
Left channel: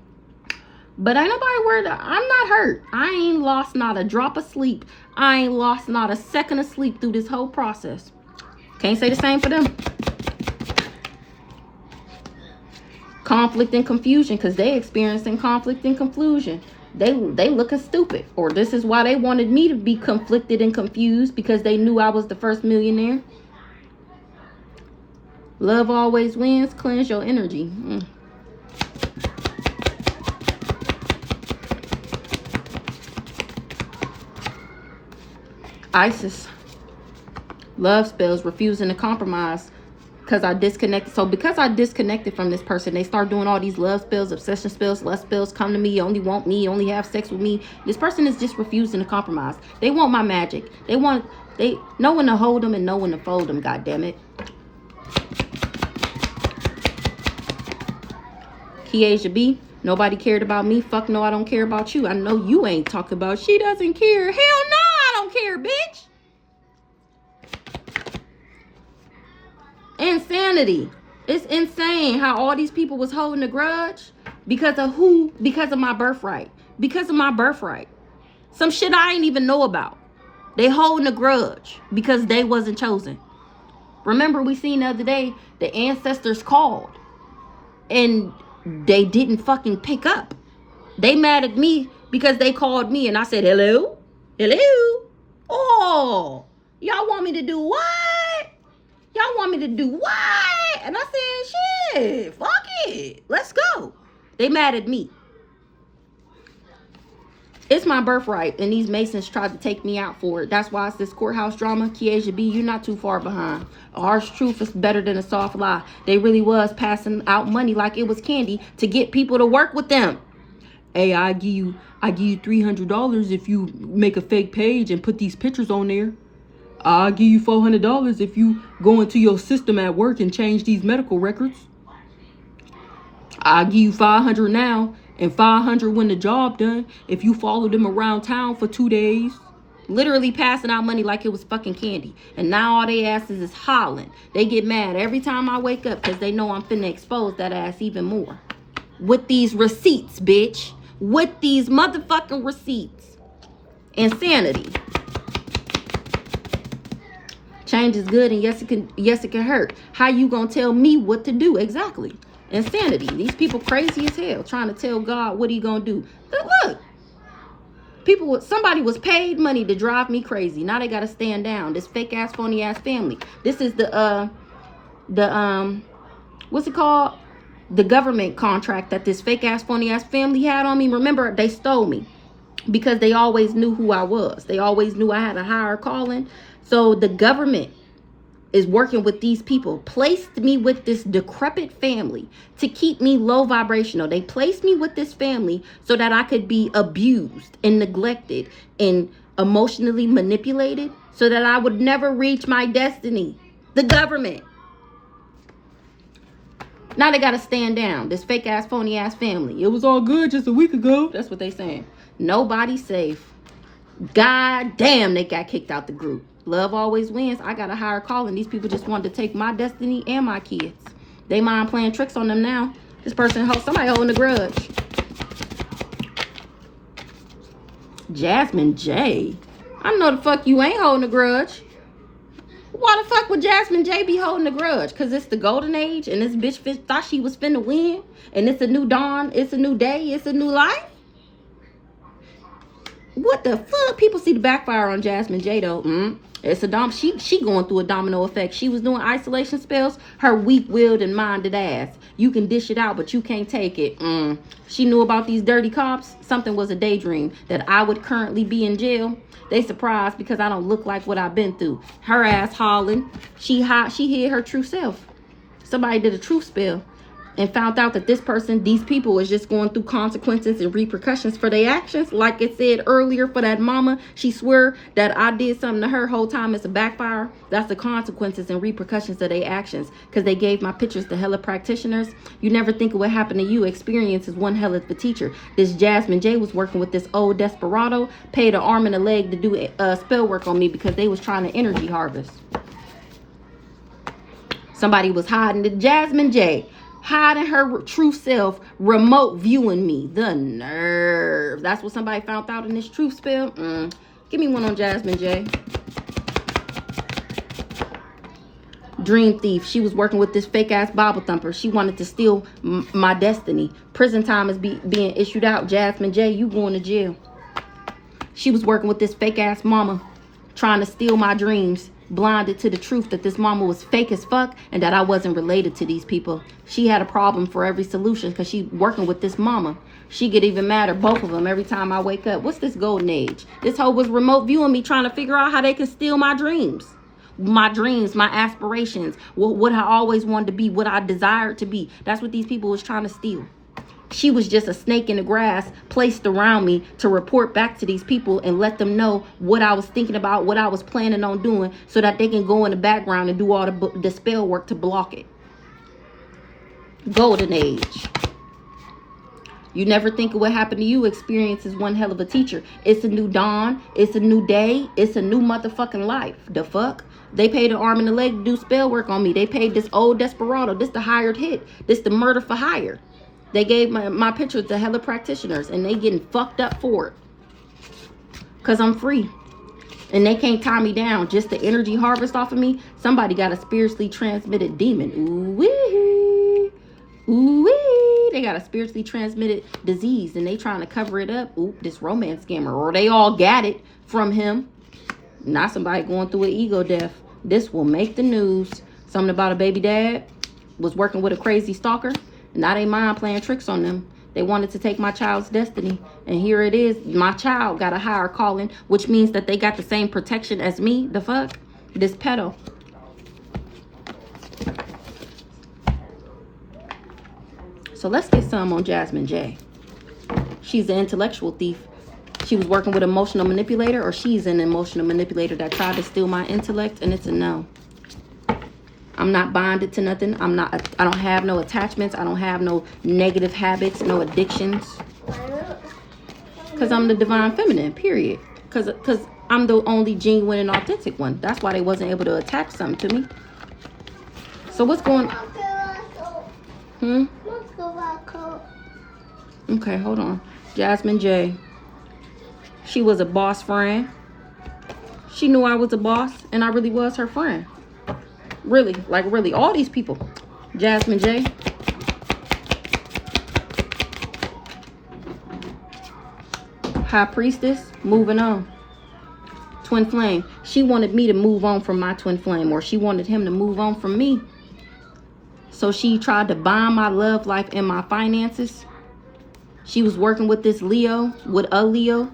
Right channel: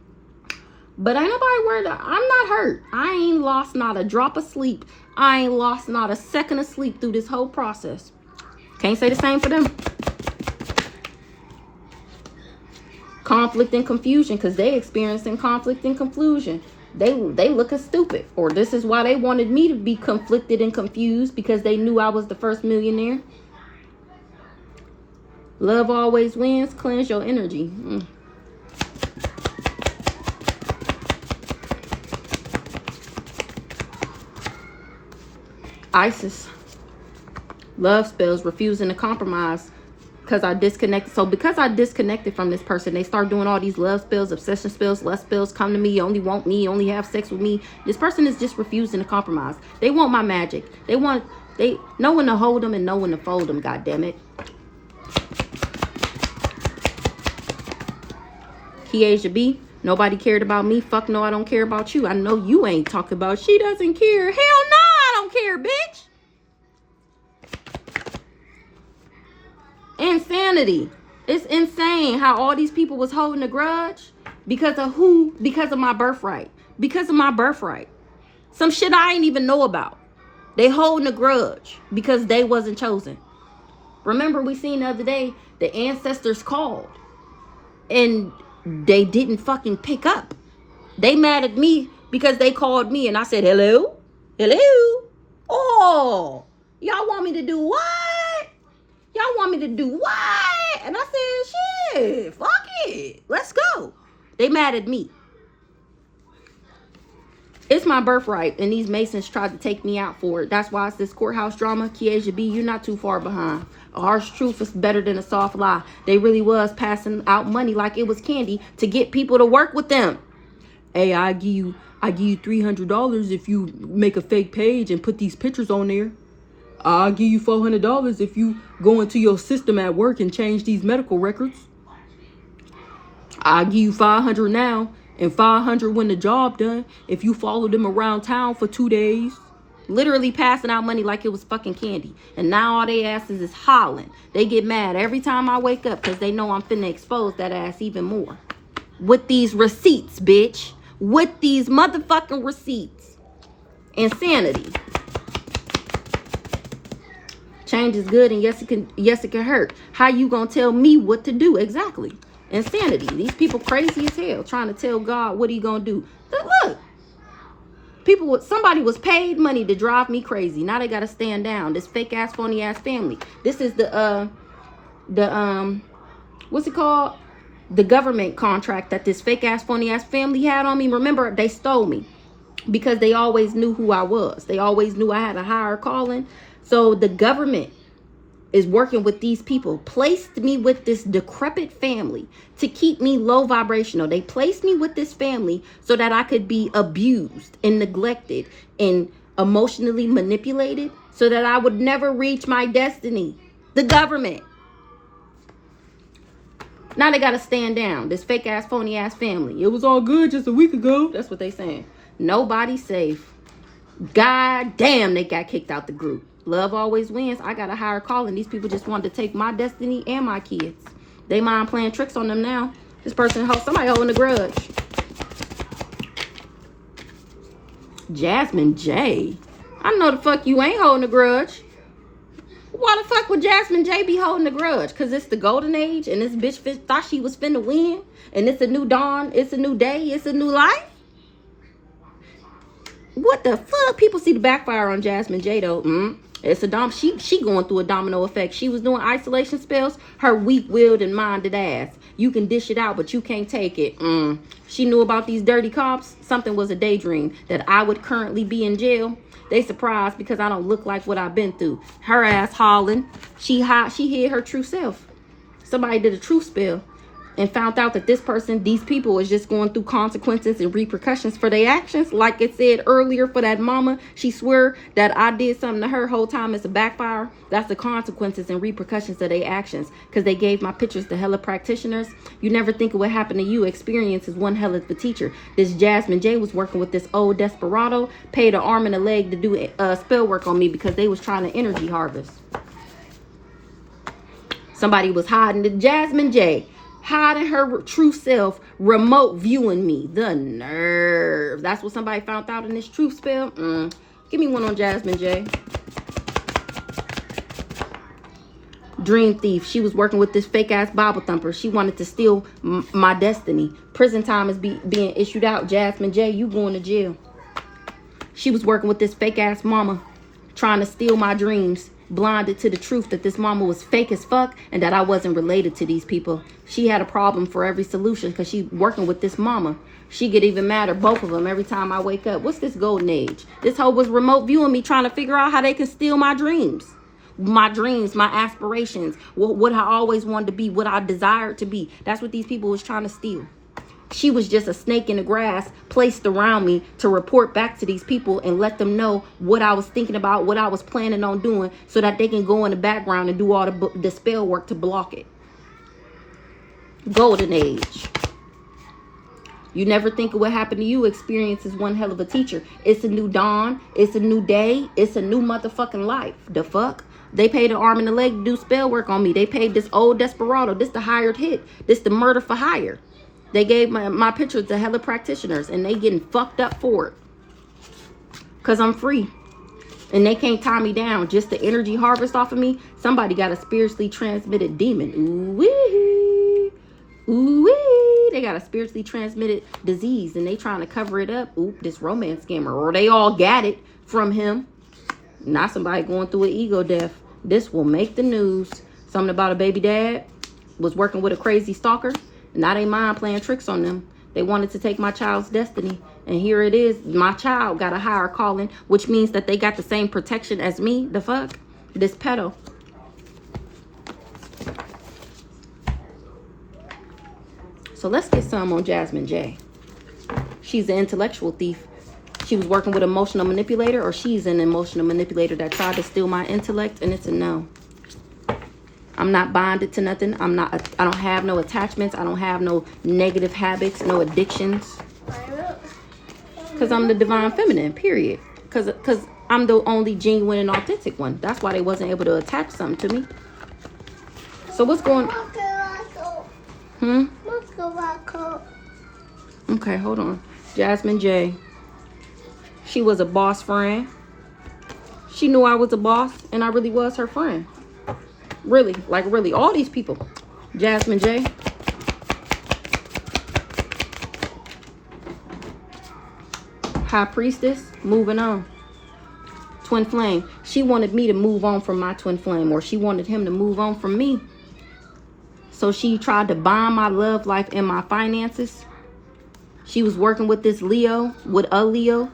But ain't nobody worried. I'm not hurt. I ain't lost not a drop of sleep. I ain't lost not a second of sleep through this whole process. Can't say the same for them. Conflict and confusion, because they experiencing conflict and confusion. They looking stupid. Or this is why they wanted me to be conflicted and confused, because they knew I was the first millionaire. Love always wins. Cleanse your energy. Isis. Love spells, refusing to compromise because I disconnected. So because I disconnected from this person, they start doing all these love spells, obsession spells, lust spells. Come to me, you only want me, you only have sex with me. This person is just refusing to compromise. They want my magic. They no one to hold them and no one to fold them. God damn it. Kiesha B. Nobody cared about me. Fuck no, I don't care about you. I know you ain't talking about she doesn't care. Hell no, I don't care, bitch. Insanity. It's insane how all these people was holding a grudge because of who? Because of my birthright. Because of my birthright. Some shit I ain't even know about. They holding a grudge because they wasn't chosen. Remember, we seen the other day the ancestors called and they didn't fucking pick up. They mad at me because they called me and I said, hello? Hello? Oh, y'all want me to do what? Y'all want me to do what? And I said, shit, fuck it. Let's go. They mad at me. It's my birthright, and these Masons tried to take me out for it. That's why it's this courthouse drama. Kiesha B, you're not too far behind. A harsh truth is better than a soft lie. They really was passing out money like it was candy to get people to work with them. Hey, I give you $300 if you make a fake page and put these pictures on there. I'll give you $400 if you go into your system at work and change these medical records. I'll give you $500 now and $500 when the job done if you follow them around town for 2 days. Literally passing out money like it was fucking candy. And now all they asses is hollering. They get mad every time I wake up because they know I'm finna expose that ass even more. With these receipts, bitch. With these motherfucking receipts. Insanity. Change is good, and yes it can hurt. How you gonna tell me what to do? Exactly. Insanity. These people crazy as hell trying to tell God what he gonna do. But look, somebody was paid money to drive me crazy. Now they gotta stand down. This fake ass phony ass family. This is the what's it called? The government contract that this fake ass phony ass family had on me. Remember, they stole me because they always knew who I was. They always knew I had a higher calling. So the government is working with these people, placed me with this decrepit family to keep me low vibrational. They placed me with this family so that I could be abused and neglected and emotionally manipulated so that I would never reach my destiny. The government. Now they got to stand down. This fake ass, phony ass family. It was all good just a week ago. That's what they saying. Nobody's safe. God damn, they got kicked out the group. Love always wins. I got a higher calling. These people just wanted to take my destiny and my kids. They mind playing tricks on them now. This person, somebody holding a grudge. Jasmine J. I know the fuck you ain't holding a grudge. Why the fuck would Jasmine J be holding a grudge? Because it's the golden age and this bitch thought she was finna win. And it's a new dawn. It's a new day. It's a new life. What the fuck? People see the backfire on Jasmine J though. It's a she going through a domino effect. She was doing isolation spells. Her weak-willed and minded ass. You can dish it out, but you can't take it. She knew about these dirty cops. Something was a daydream that I would currently be in jail. They surprised because I don't look like what I've been through. Her ass hollering. She hid her true self. Somebody did a truth spell and found out that this person, these people, is just going through consequences and repercussions for their actions. Like it said earlier for that mama, she swear that I did something to her whole time. It's a backfire. That's the consequences and repercussions of their actions because they gave my pictures to hella practitioners. You never think of what happened to you. Experience is one hell of a teacher. This Jasmine J was working with this old desperado, paid an arm and a leg to do spell work on me because they was trying to energy harvest. Somebody was hiding the Jasmine J. Hiding her true self, remote viewing me. The nerve. That's what somebody found out in this truth spell. Give me one on Jasmine J. Dream thief. She was working with this fake ass Bible thumper. She wanted to steal my destiny. Prison time is being issued out. Jasmine J, you going to jail. She was working with this fake ass mama, trying to steal my dreams. Blinded to the truth that this mama was fake as fuck and that I wasn't related to these people. She had a problem for every solution because she working with this mama. She get even madder, both of them, every time I wake up. What's this golden age? This hoe was remote viewing me, trying to figure out how they can steal my dreams. My dreams, my aspirations, what I always wanted to be, what I desired to be. That's what these people was trying to steal. She was just a snake in the grass placed around me to report back to these people and let them know what I was thinking about, what I was planning on doing so that they can go in the background and do all the spell work to block it. Golden age. You never think of what happened to you. Experience is one hell of a teacher. It's a new dawn. It's a new day. It's a new motherfucking life. The fuck? They paid an arm and a leg to do spell work on me. They paid this old desperado. This the hired hit. This the murder for hire. They gave my picture to hella practitioners and they getting fucked up for it. Because I'm free. And they can't tie me down. Just the energy harvest off of me. Somebody got a spiritually transmitted demon. Ooh-wee. Ooh-wee. They got a spiritually transmitted disease and they trying to cover it up. Oop, this romance scammer. Or they all got it from him. Not somebody going through an ego death. This will make the news. Something about a baby dad was working with a crazy stalker. Now they mind playing tricks on them. They wanted to take my child's destiny. And here it is. My child got a higher calling, which means that they got the same protection as me. The fuck? This pedo. So let's get some on Jasmine J. She's an intellectual thief. She was working with an emotional manipulator, or she's an emotional manipulator that tried to steal my intellect, and it's a no. I'm not bonded to nothing. I don't have no attachments. I don't have no negative habits, no addictions. Because I'm the divine feminine, period. Because I'm the only genuine and authentic one. That's why they wasn't able to attach something to me. So what's going on? Okay, hold on. Jasmine J. She was a boss friend. She knew I was a boss and I really was her friend. Really, like really, all these people. Jasmine J. High priestess, moving on. Twin flame. She wanted me to move on from my twin flame, or she wanted him to move on from me. So she tried to bind my love life and my finances. She was working with this Leo, with a Leo.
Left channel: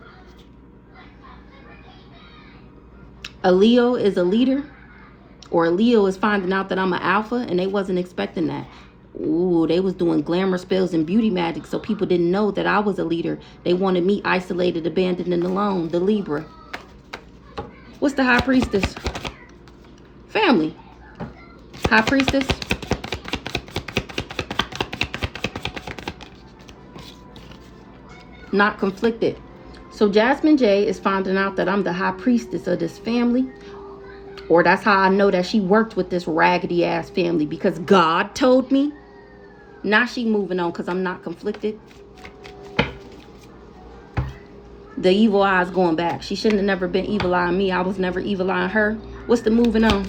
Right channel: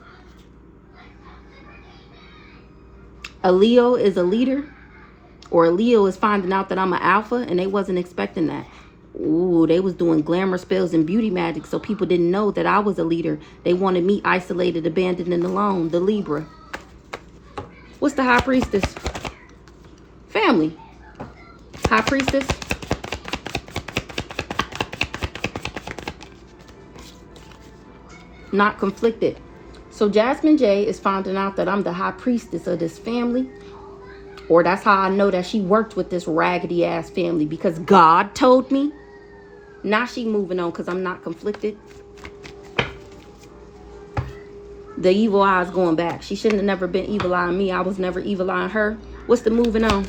A Leo is a leader. Or a Leo is finding out that I'm an alpha, and they wasn't expecting that. Ooh, they was doing glamour spells and beauty magic, so people didn't know that I was a leader. They wanted me isolated, abandoned, and alone. The Libra. What's the high priestess? Family. High priestess. Not conflicted. So Jasmine J is finding out that I'm the high priestess of this family. Or that's how I know that she worked with this raggedy ass family, because God told me. Now she moving on because I'm not conflicted. The evil eye is going back. She shouldn't have never been evil eyeing me. I was never evil eyeing her. What's the moving on?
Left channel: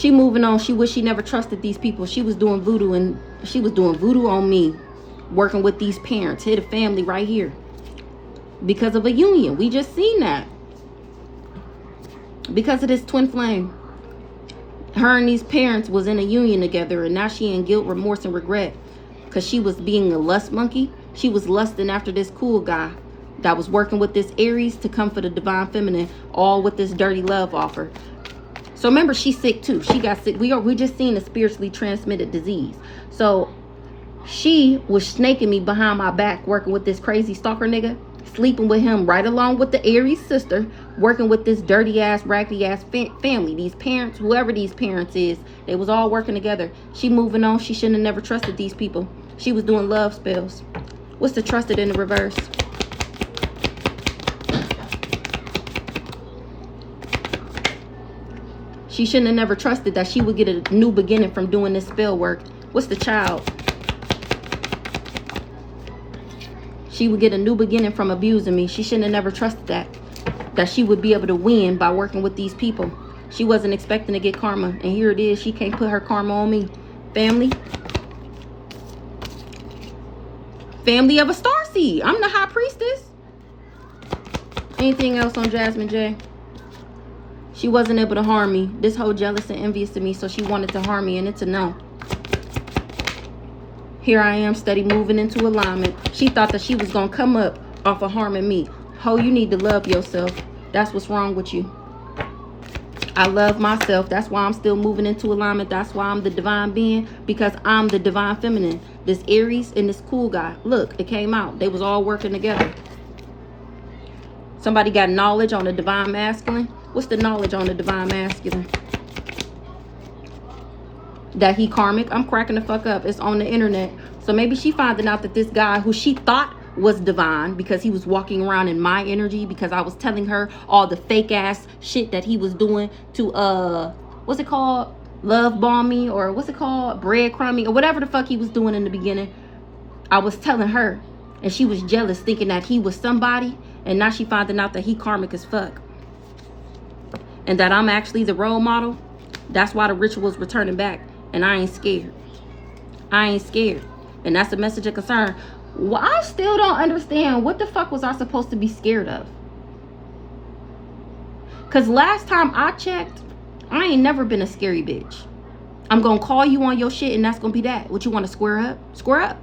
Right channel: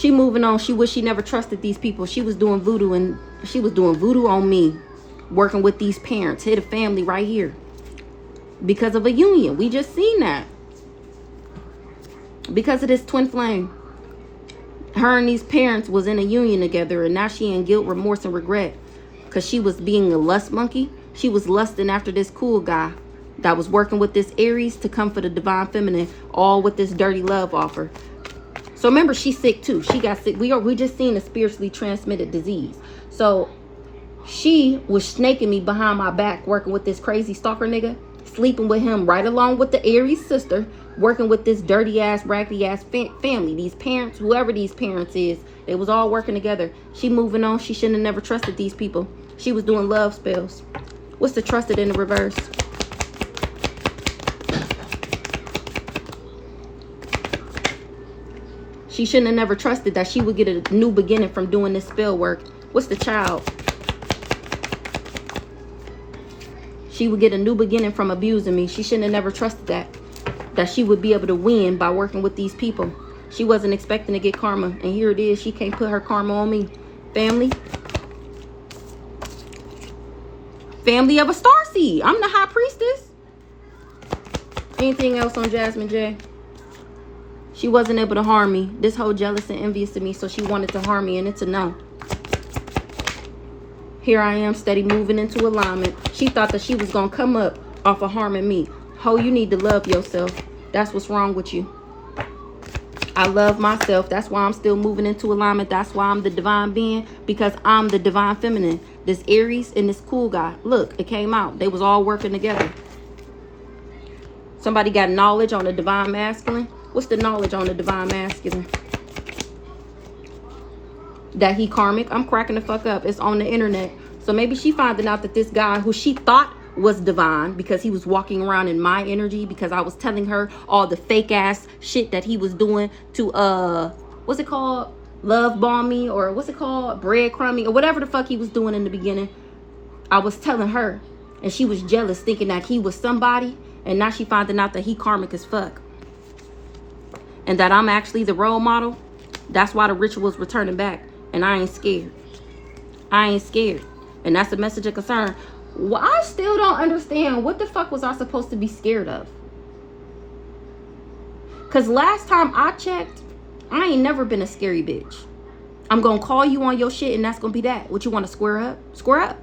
She moving on. She wish she never trusted these people. She was doing voodoo, and she was doing voodoo on me, working with these parents. Hit a family right here because of a union. We just seen that. Because of this twin flame. Her and these parents was in a union together, and now she in guilt, remorse, and regret because she was being a lust monkey. She was lusting after this cool guy that was working with this Aries to come for the divine feminine, all with this dirty love offer. So remember, she's sick too. She got sick. We just seen a spiritually transmitted disease. So she was snaking me behind my back, working with this crazy stalker nigga, sleeping with him right along with the Aries sister, working with this dirty ass, raggedy ass family. These parents, whoever these parents is, they was all working together. She moving on. She shouldn't have never trusted these people. She was doing love spells. What's the trusted in the reverse? She shouldn't have never trusted that she would get a new beginning from doing this spell work. What's the child? She would get a new beginning from abusing me. She shouldn't have never trusted that she would be able to win by working with these people. She wasn't expecting to get karma. And here it is. She can't put her karma on me. Family. Family of a starseed. I'm the high priestess. Anything else on Jasmine J? She wasn't able to harm me. This whole jealous and envious of me, so she wanted to harm me, and it's a no. Here I am, steady moving into alignment. She thought that she was going to come up off of harming me. Ho, you need to love yourself. That's what's wrong with you. I love myself. That's why I'm still moving into alignment. That's why I'm the divine being, because I'm the divine feminine. This Aries and this cool guy. Look, it came out. They was all working together. Somebody got knowledge on the divine masculine. What's the knowledge on the divine masculine? That he karmic. I'm cracking the fuck up. It's on the internet. So maybe she finding out that this guy who she thought was divine, because he was walking around in my energy, because I was telling her all the fake ass shit that he was doing to what's it called, love bombing, or what's it called, breadcrumbing, or whatever the fuck he was doing in the beginning. I was telling her, and she was jealous, thinking that he was somebody, and now she finding out that he karmic as fuck, and that I'm actually the role model. That's why the ritual's returning back, and I ain't scared. I ain't scared. And that's a message of concern. Well, I still don't understand, what the fuck was I supposed to be scared of? Because last time I checked, I ain't never been a scary bitch. I'm going to call you on your shit, and that's going to be that. What, you want to square up? Square up.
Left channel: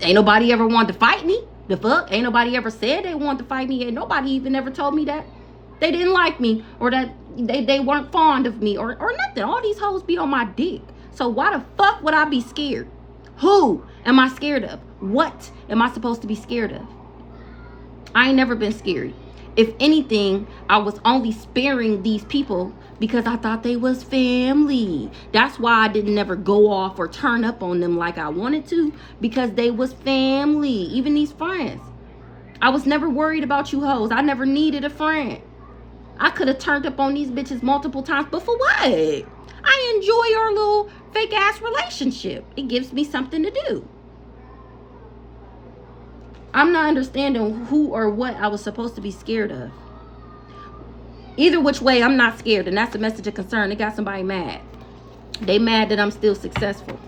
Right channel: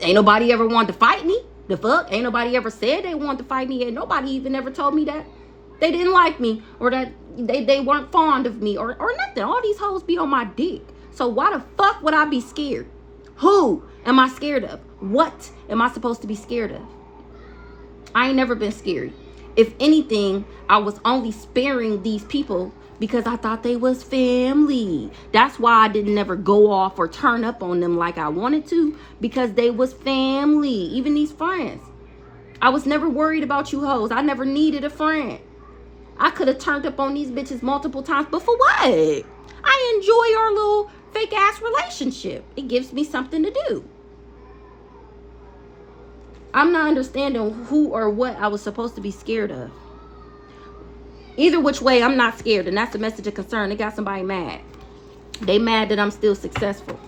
Ain't nobody ever wanted to fight me. The fuck? Ain't nobody ever said they wanted to fight me. Ain't nobody even ever told me that they didn't like me, or that they weren't fond of me, or nothing. All these hoes be on my dick. So why the fuck would I be scared? Who am I scared of? What am I supposed to be scared of? I ain't never been scary. If anything, I was only sparing these people because I thought they was family. That's why I didn't ever go off or turn up on them like I wanted to, because they was family. Even these friends. I was never worried about you hoes. I never needed a friend. I could have turned up on these bitches multiple times, but for what? I enjoy our little fake ass relationship. It gives me something to do. I'm not understanding who or what I was supposed to be scared of. Either which way, I'm not scared, and that's the message of concern. They got somebody mad. They mad that I'm still successful.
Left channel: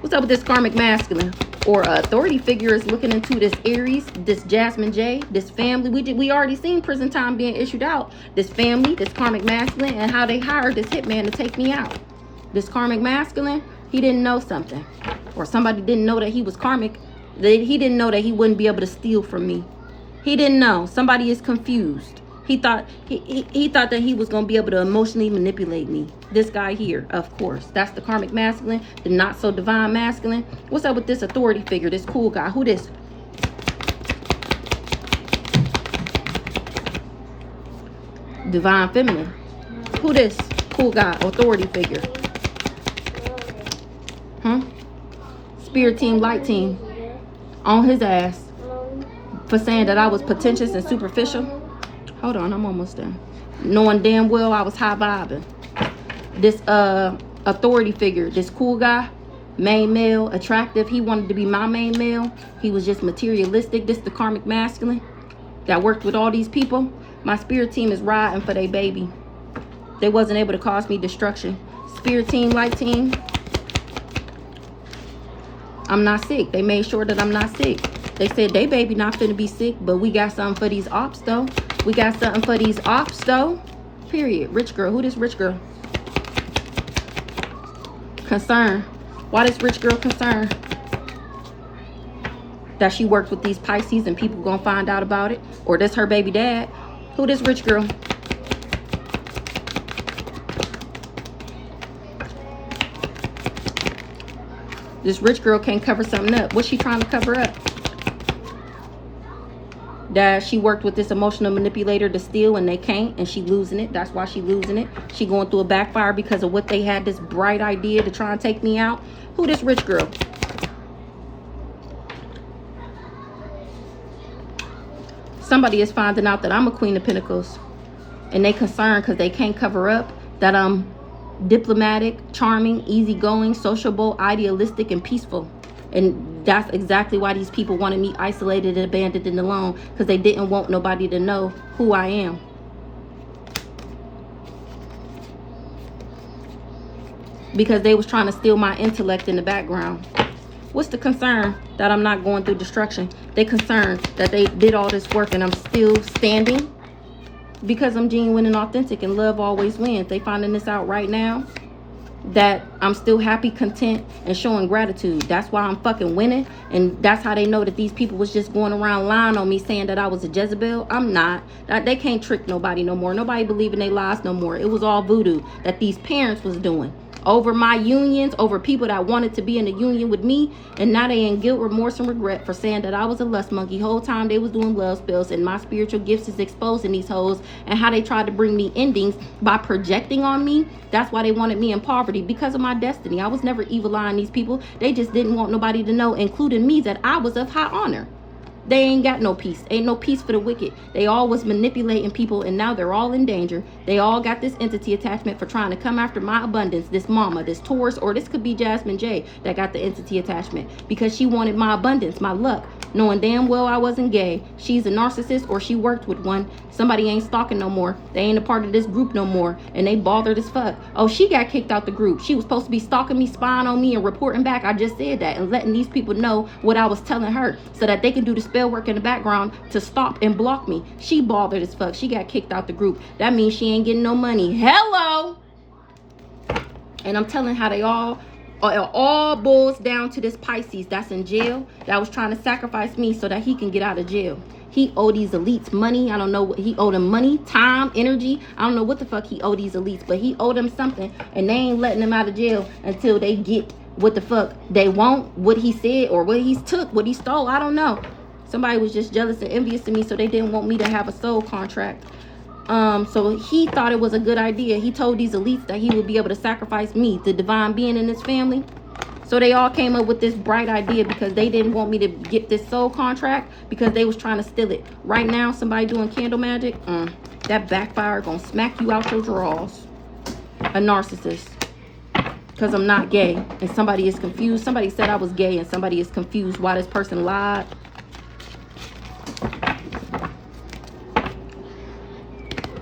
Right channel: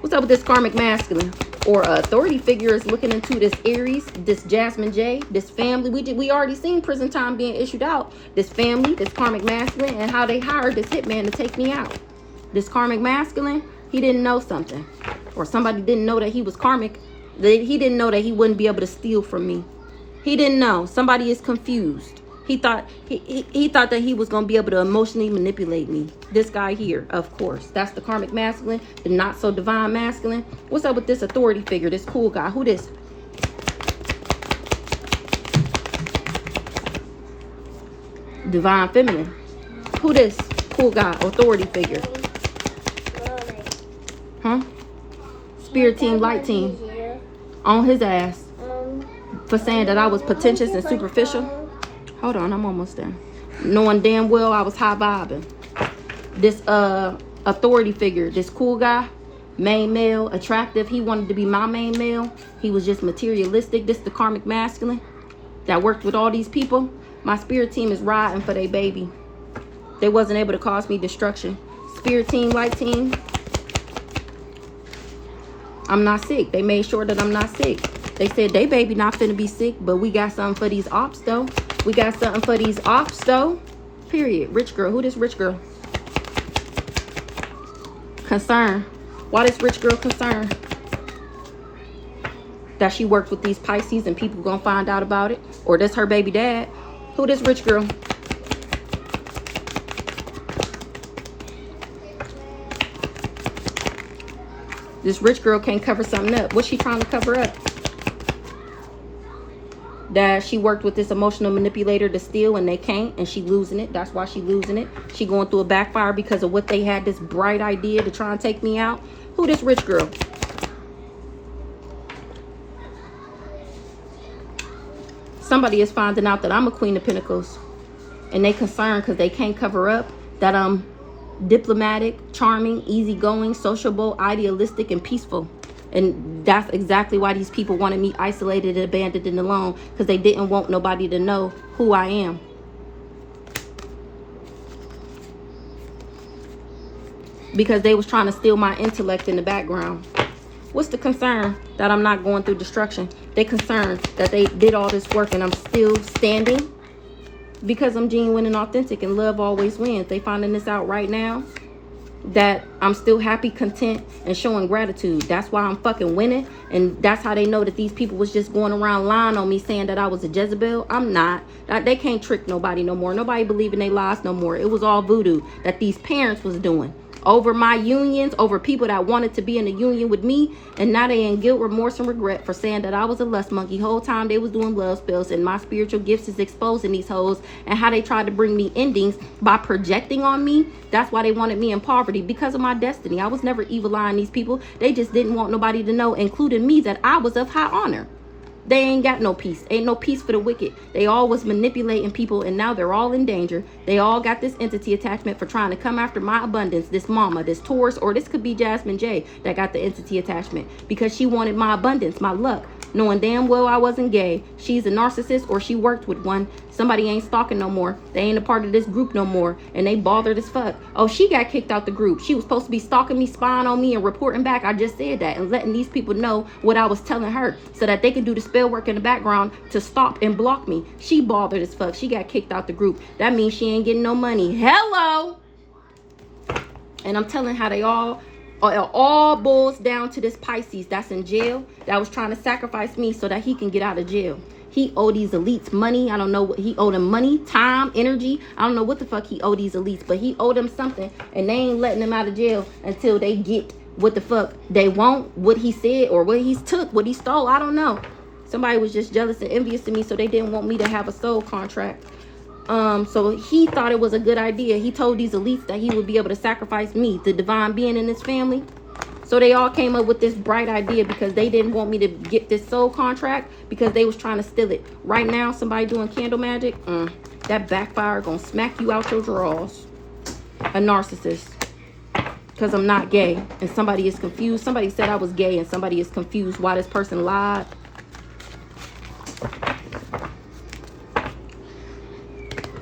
What's up with this karmic masculine? Or authority figure is looking into this Aries, this Jasmine J, this family. We already seen prison time being issued out. This family, this karmic masculine, and how they hired this hitman to take me out. This karmic masculine, he didn't know something. Or somebody didn't know that he was karmic. He didn't know that he wouldn't be able to steal from me. He didn't know. Somebody is confused. He thought he thought that he was going to be able to emotionally manipulate me. This guy here, of course. That's the karmic masculine, the not so divine masculine. What's up with this authority figure, this cool guy? Who this? Divine feminine. Who this cool guy, authority figure? Huh? Spirit team, light team. On his ass for saying that I was pretentious and superficial. Hold on, I'm almost done. Knowing damn well I was high vibing. This authority figure, this cool guy, main male, attractive. He wanted to be my main male. He was just materialistic. This the karmic masculine that worked with all these people. My spirit team is riding for their baby. They wasn't able to cause me destruction. Spirit team, light team. I'm not sick. They made sure that I'm not sick. They said they baby not finna be sick, but we got something for these ops though. We got something for these ops though. Period. Rich girl. Who this rich girl? Concern. Why this rich girl concerned? That she works with these Pisces and people gonna find out about it? Or this her baby dad? Who this rich girl? This rich girl can't cover something up. What's she trying to cover up? That she worked with this emotional manipulator to steal and they can't, and she losing it. That's why she losing it. She going through a backfire because of what they had, this bright idea to try and take me out. Who this rich girl? Somebody is finding out that I'm a Queen of Pentacles, and they concerned because they can't cover up that I'm diplomatic, charming, easygoing, sociable, idealistic, and peaceful. And that's exactly why these people wanted me isolated, abandoned, and alone, because they didn't want nobody to know who I am. Because they was trying to steal my intellect in the background. What's the concern? That I'm not going through destruction. They concerned that they did all this work and I'm still standing because I'm genuine and authentic and love always wins. They finding this out right now, that I'm still happy, content, and showing gratitude. That's why I'm fucking winning. And that's how they know that these people was just going around lying on me, saying that I was a Jezebel. I'm not. They can't trick nobody no more. Nobody believe in their lies no more. It was all voodoo that these parents was doing over my unions, over people that wanted to be in a union with me. And now they in guilt, remorse, and regret for saying that I was a lust monkey. Whole time they was doing love spells, and my spiritual gifts is exposing these hoes and how they tried to bring me endings by projecting on me. That's why they wanted me in poverty, because of my destiny. I was never evil eyeing these people. They just didn't want nobody to know, including me, that I was of high honor. They ain't got no peace. Ain't no peace for the wicked. They all was manipulating people, and now they're all in danger. They all got this entity attachment for trying to come after my abundance. This mama, this Taurus, or this could be Jasmine J that got the entity attachment because she wanted my abundance, my luck, knowing damn well I wasn't gay. She's a narcissist, or she worked with one. Somebody ain't stalking no more. They ain't a part of this group no more, and they bothered as fuck. Oh, she got kicked out the group. She was supposed to be stalking me, spying on me, and reporting back. I just said that and letting these people know what I was telling her so that they can do the spell work in the background to stop and block me. She bothered as fuck. She got kicked out the group. That means she ain't getting no money. Hello. And I'm telling how they all boils down to this Pisces that's in jail, that was trying to sacrifice me so that he can get out of jail. He owed these elites money. I don't know what he owed them. Money, time, energy. I don't know what the fuck he owed these elites, but he owed them something, and they ain't letting him out of jail until they get what the fuck they want, what he said, or what he took, what he stole. I don't know. Somebody was just jealous and envious of me, so they didn't want me to have a soul contract. So he thought it was a good idea. He told these elites that he would be able to sacrifice me, the divine being in his family. So they all came up with this bright idea because they didn't want me to get this soul contract, because they was trying to steal it. Right now, somebody doing candle magic, that backfire gonna smack you out your drawers. A narcissist. Because I'm not gay. And somebody is confused. Somebody said I was gay and somebody is confused why this person lied.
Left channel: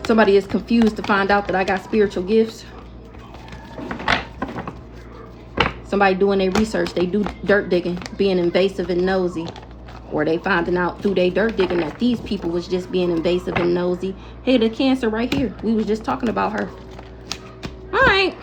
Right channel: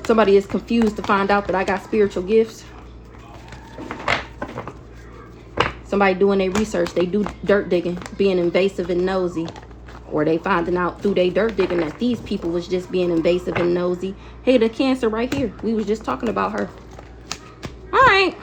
Somebody is confused to find out that I got spiritual gifts. Somebody doing their research. They do dirt digging, being invasive and nosy. Or they finding out through their dirt digging that these people was just being invasive and nosy. Hey, the Cancer right here. We was just talking about her. All right.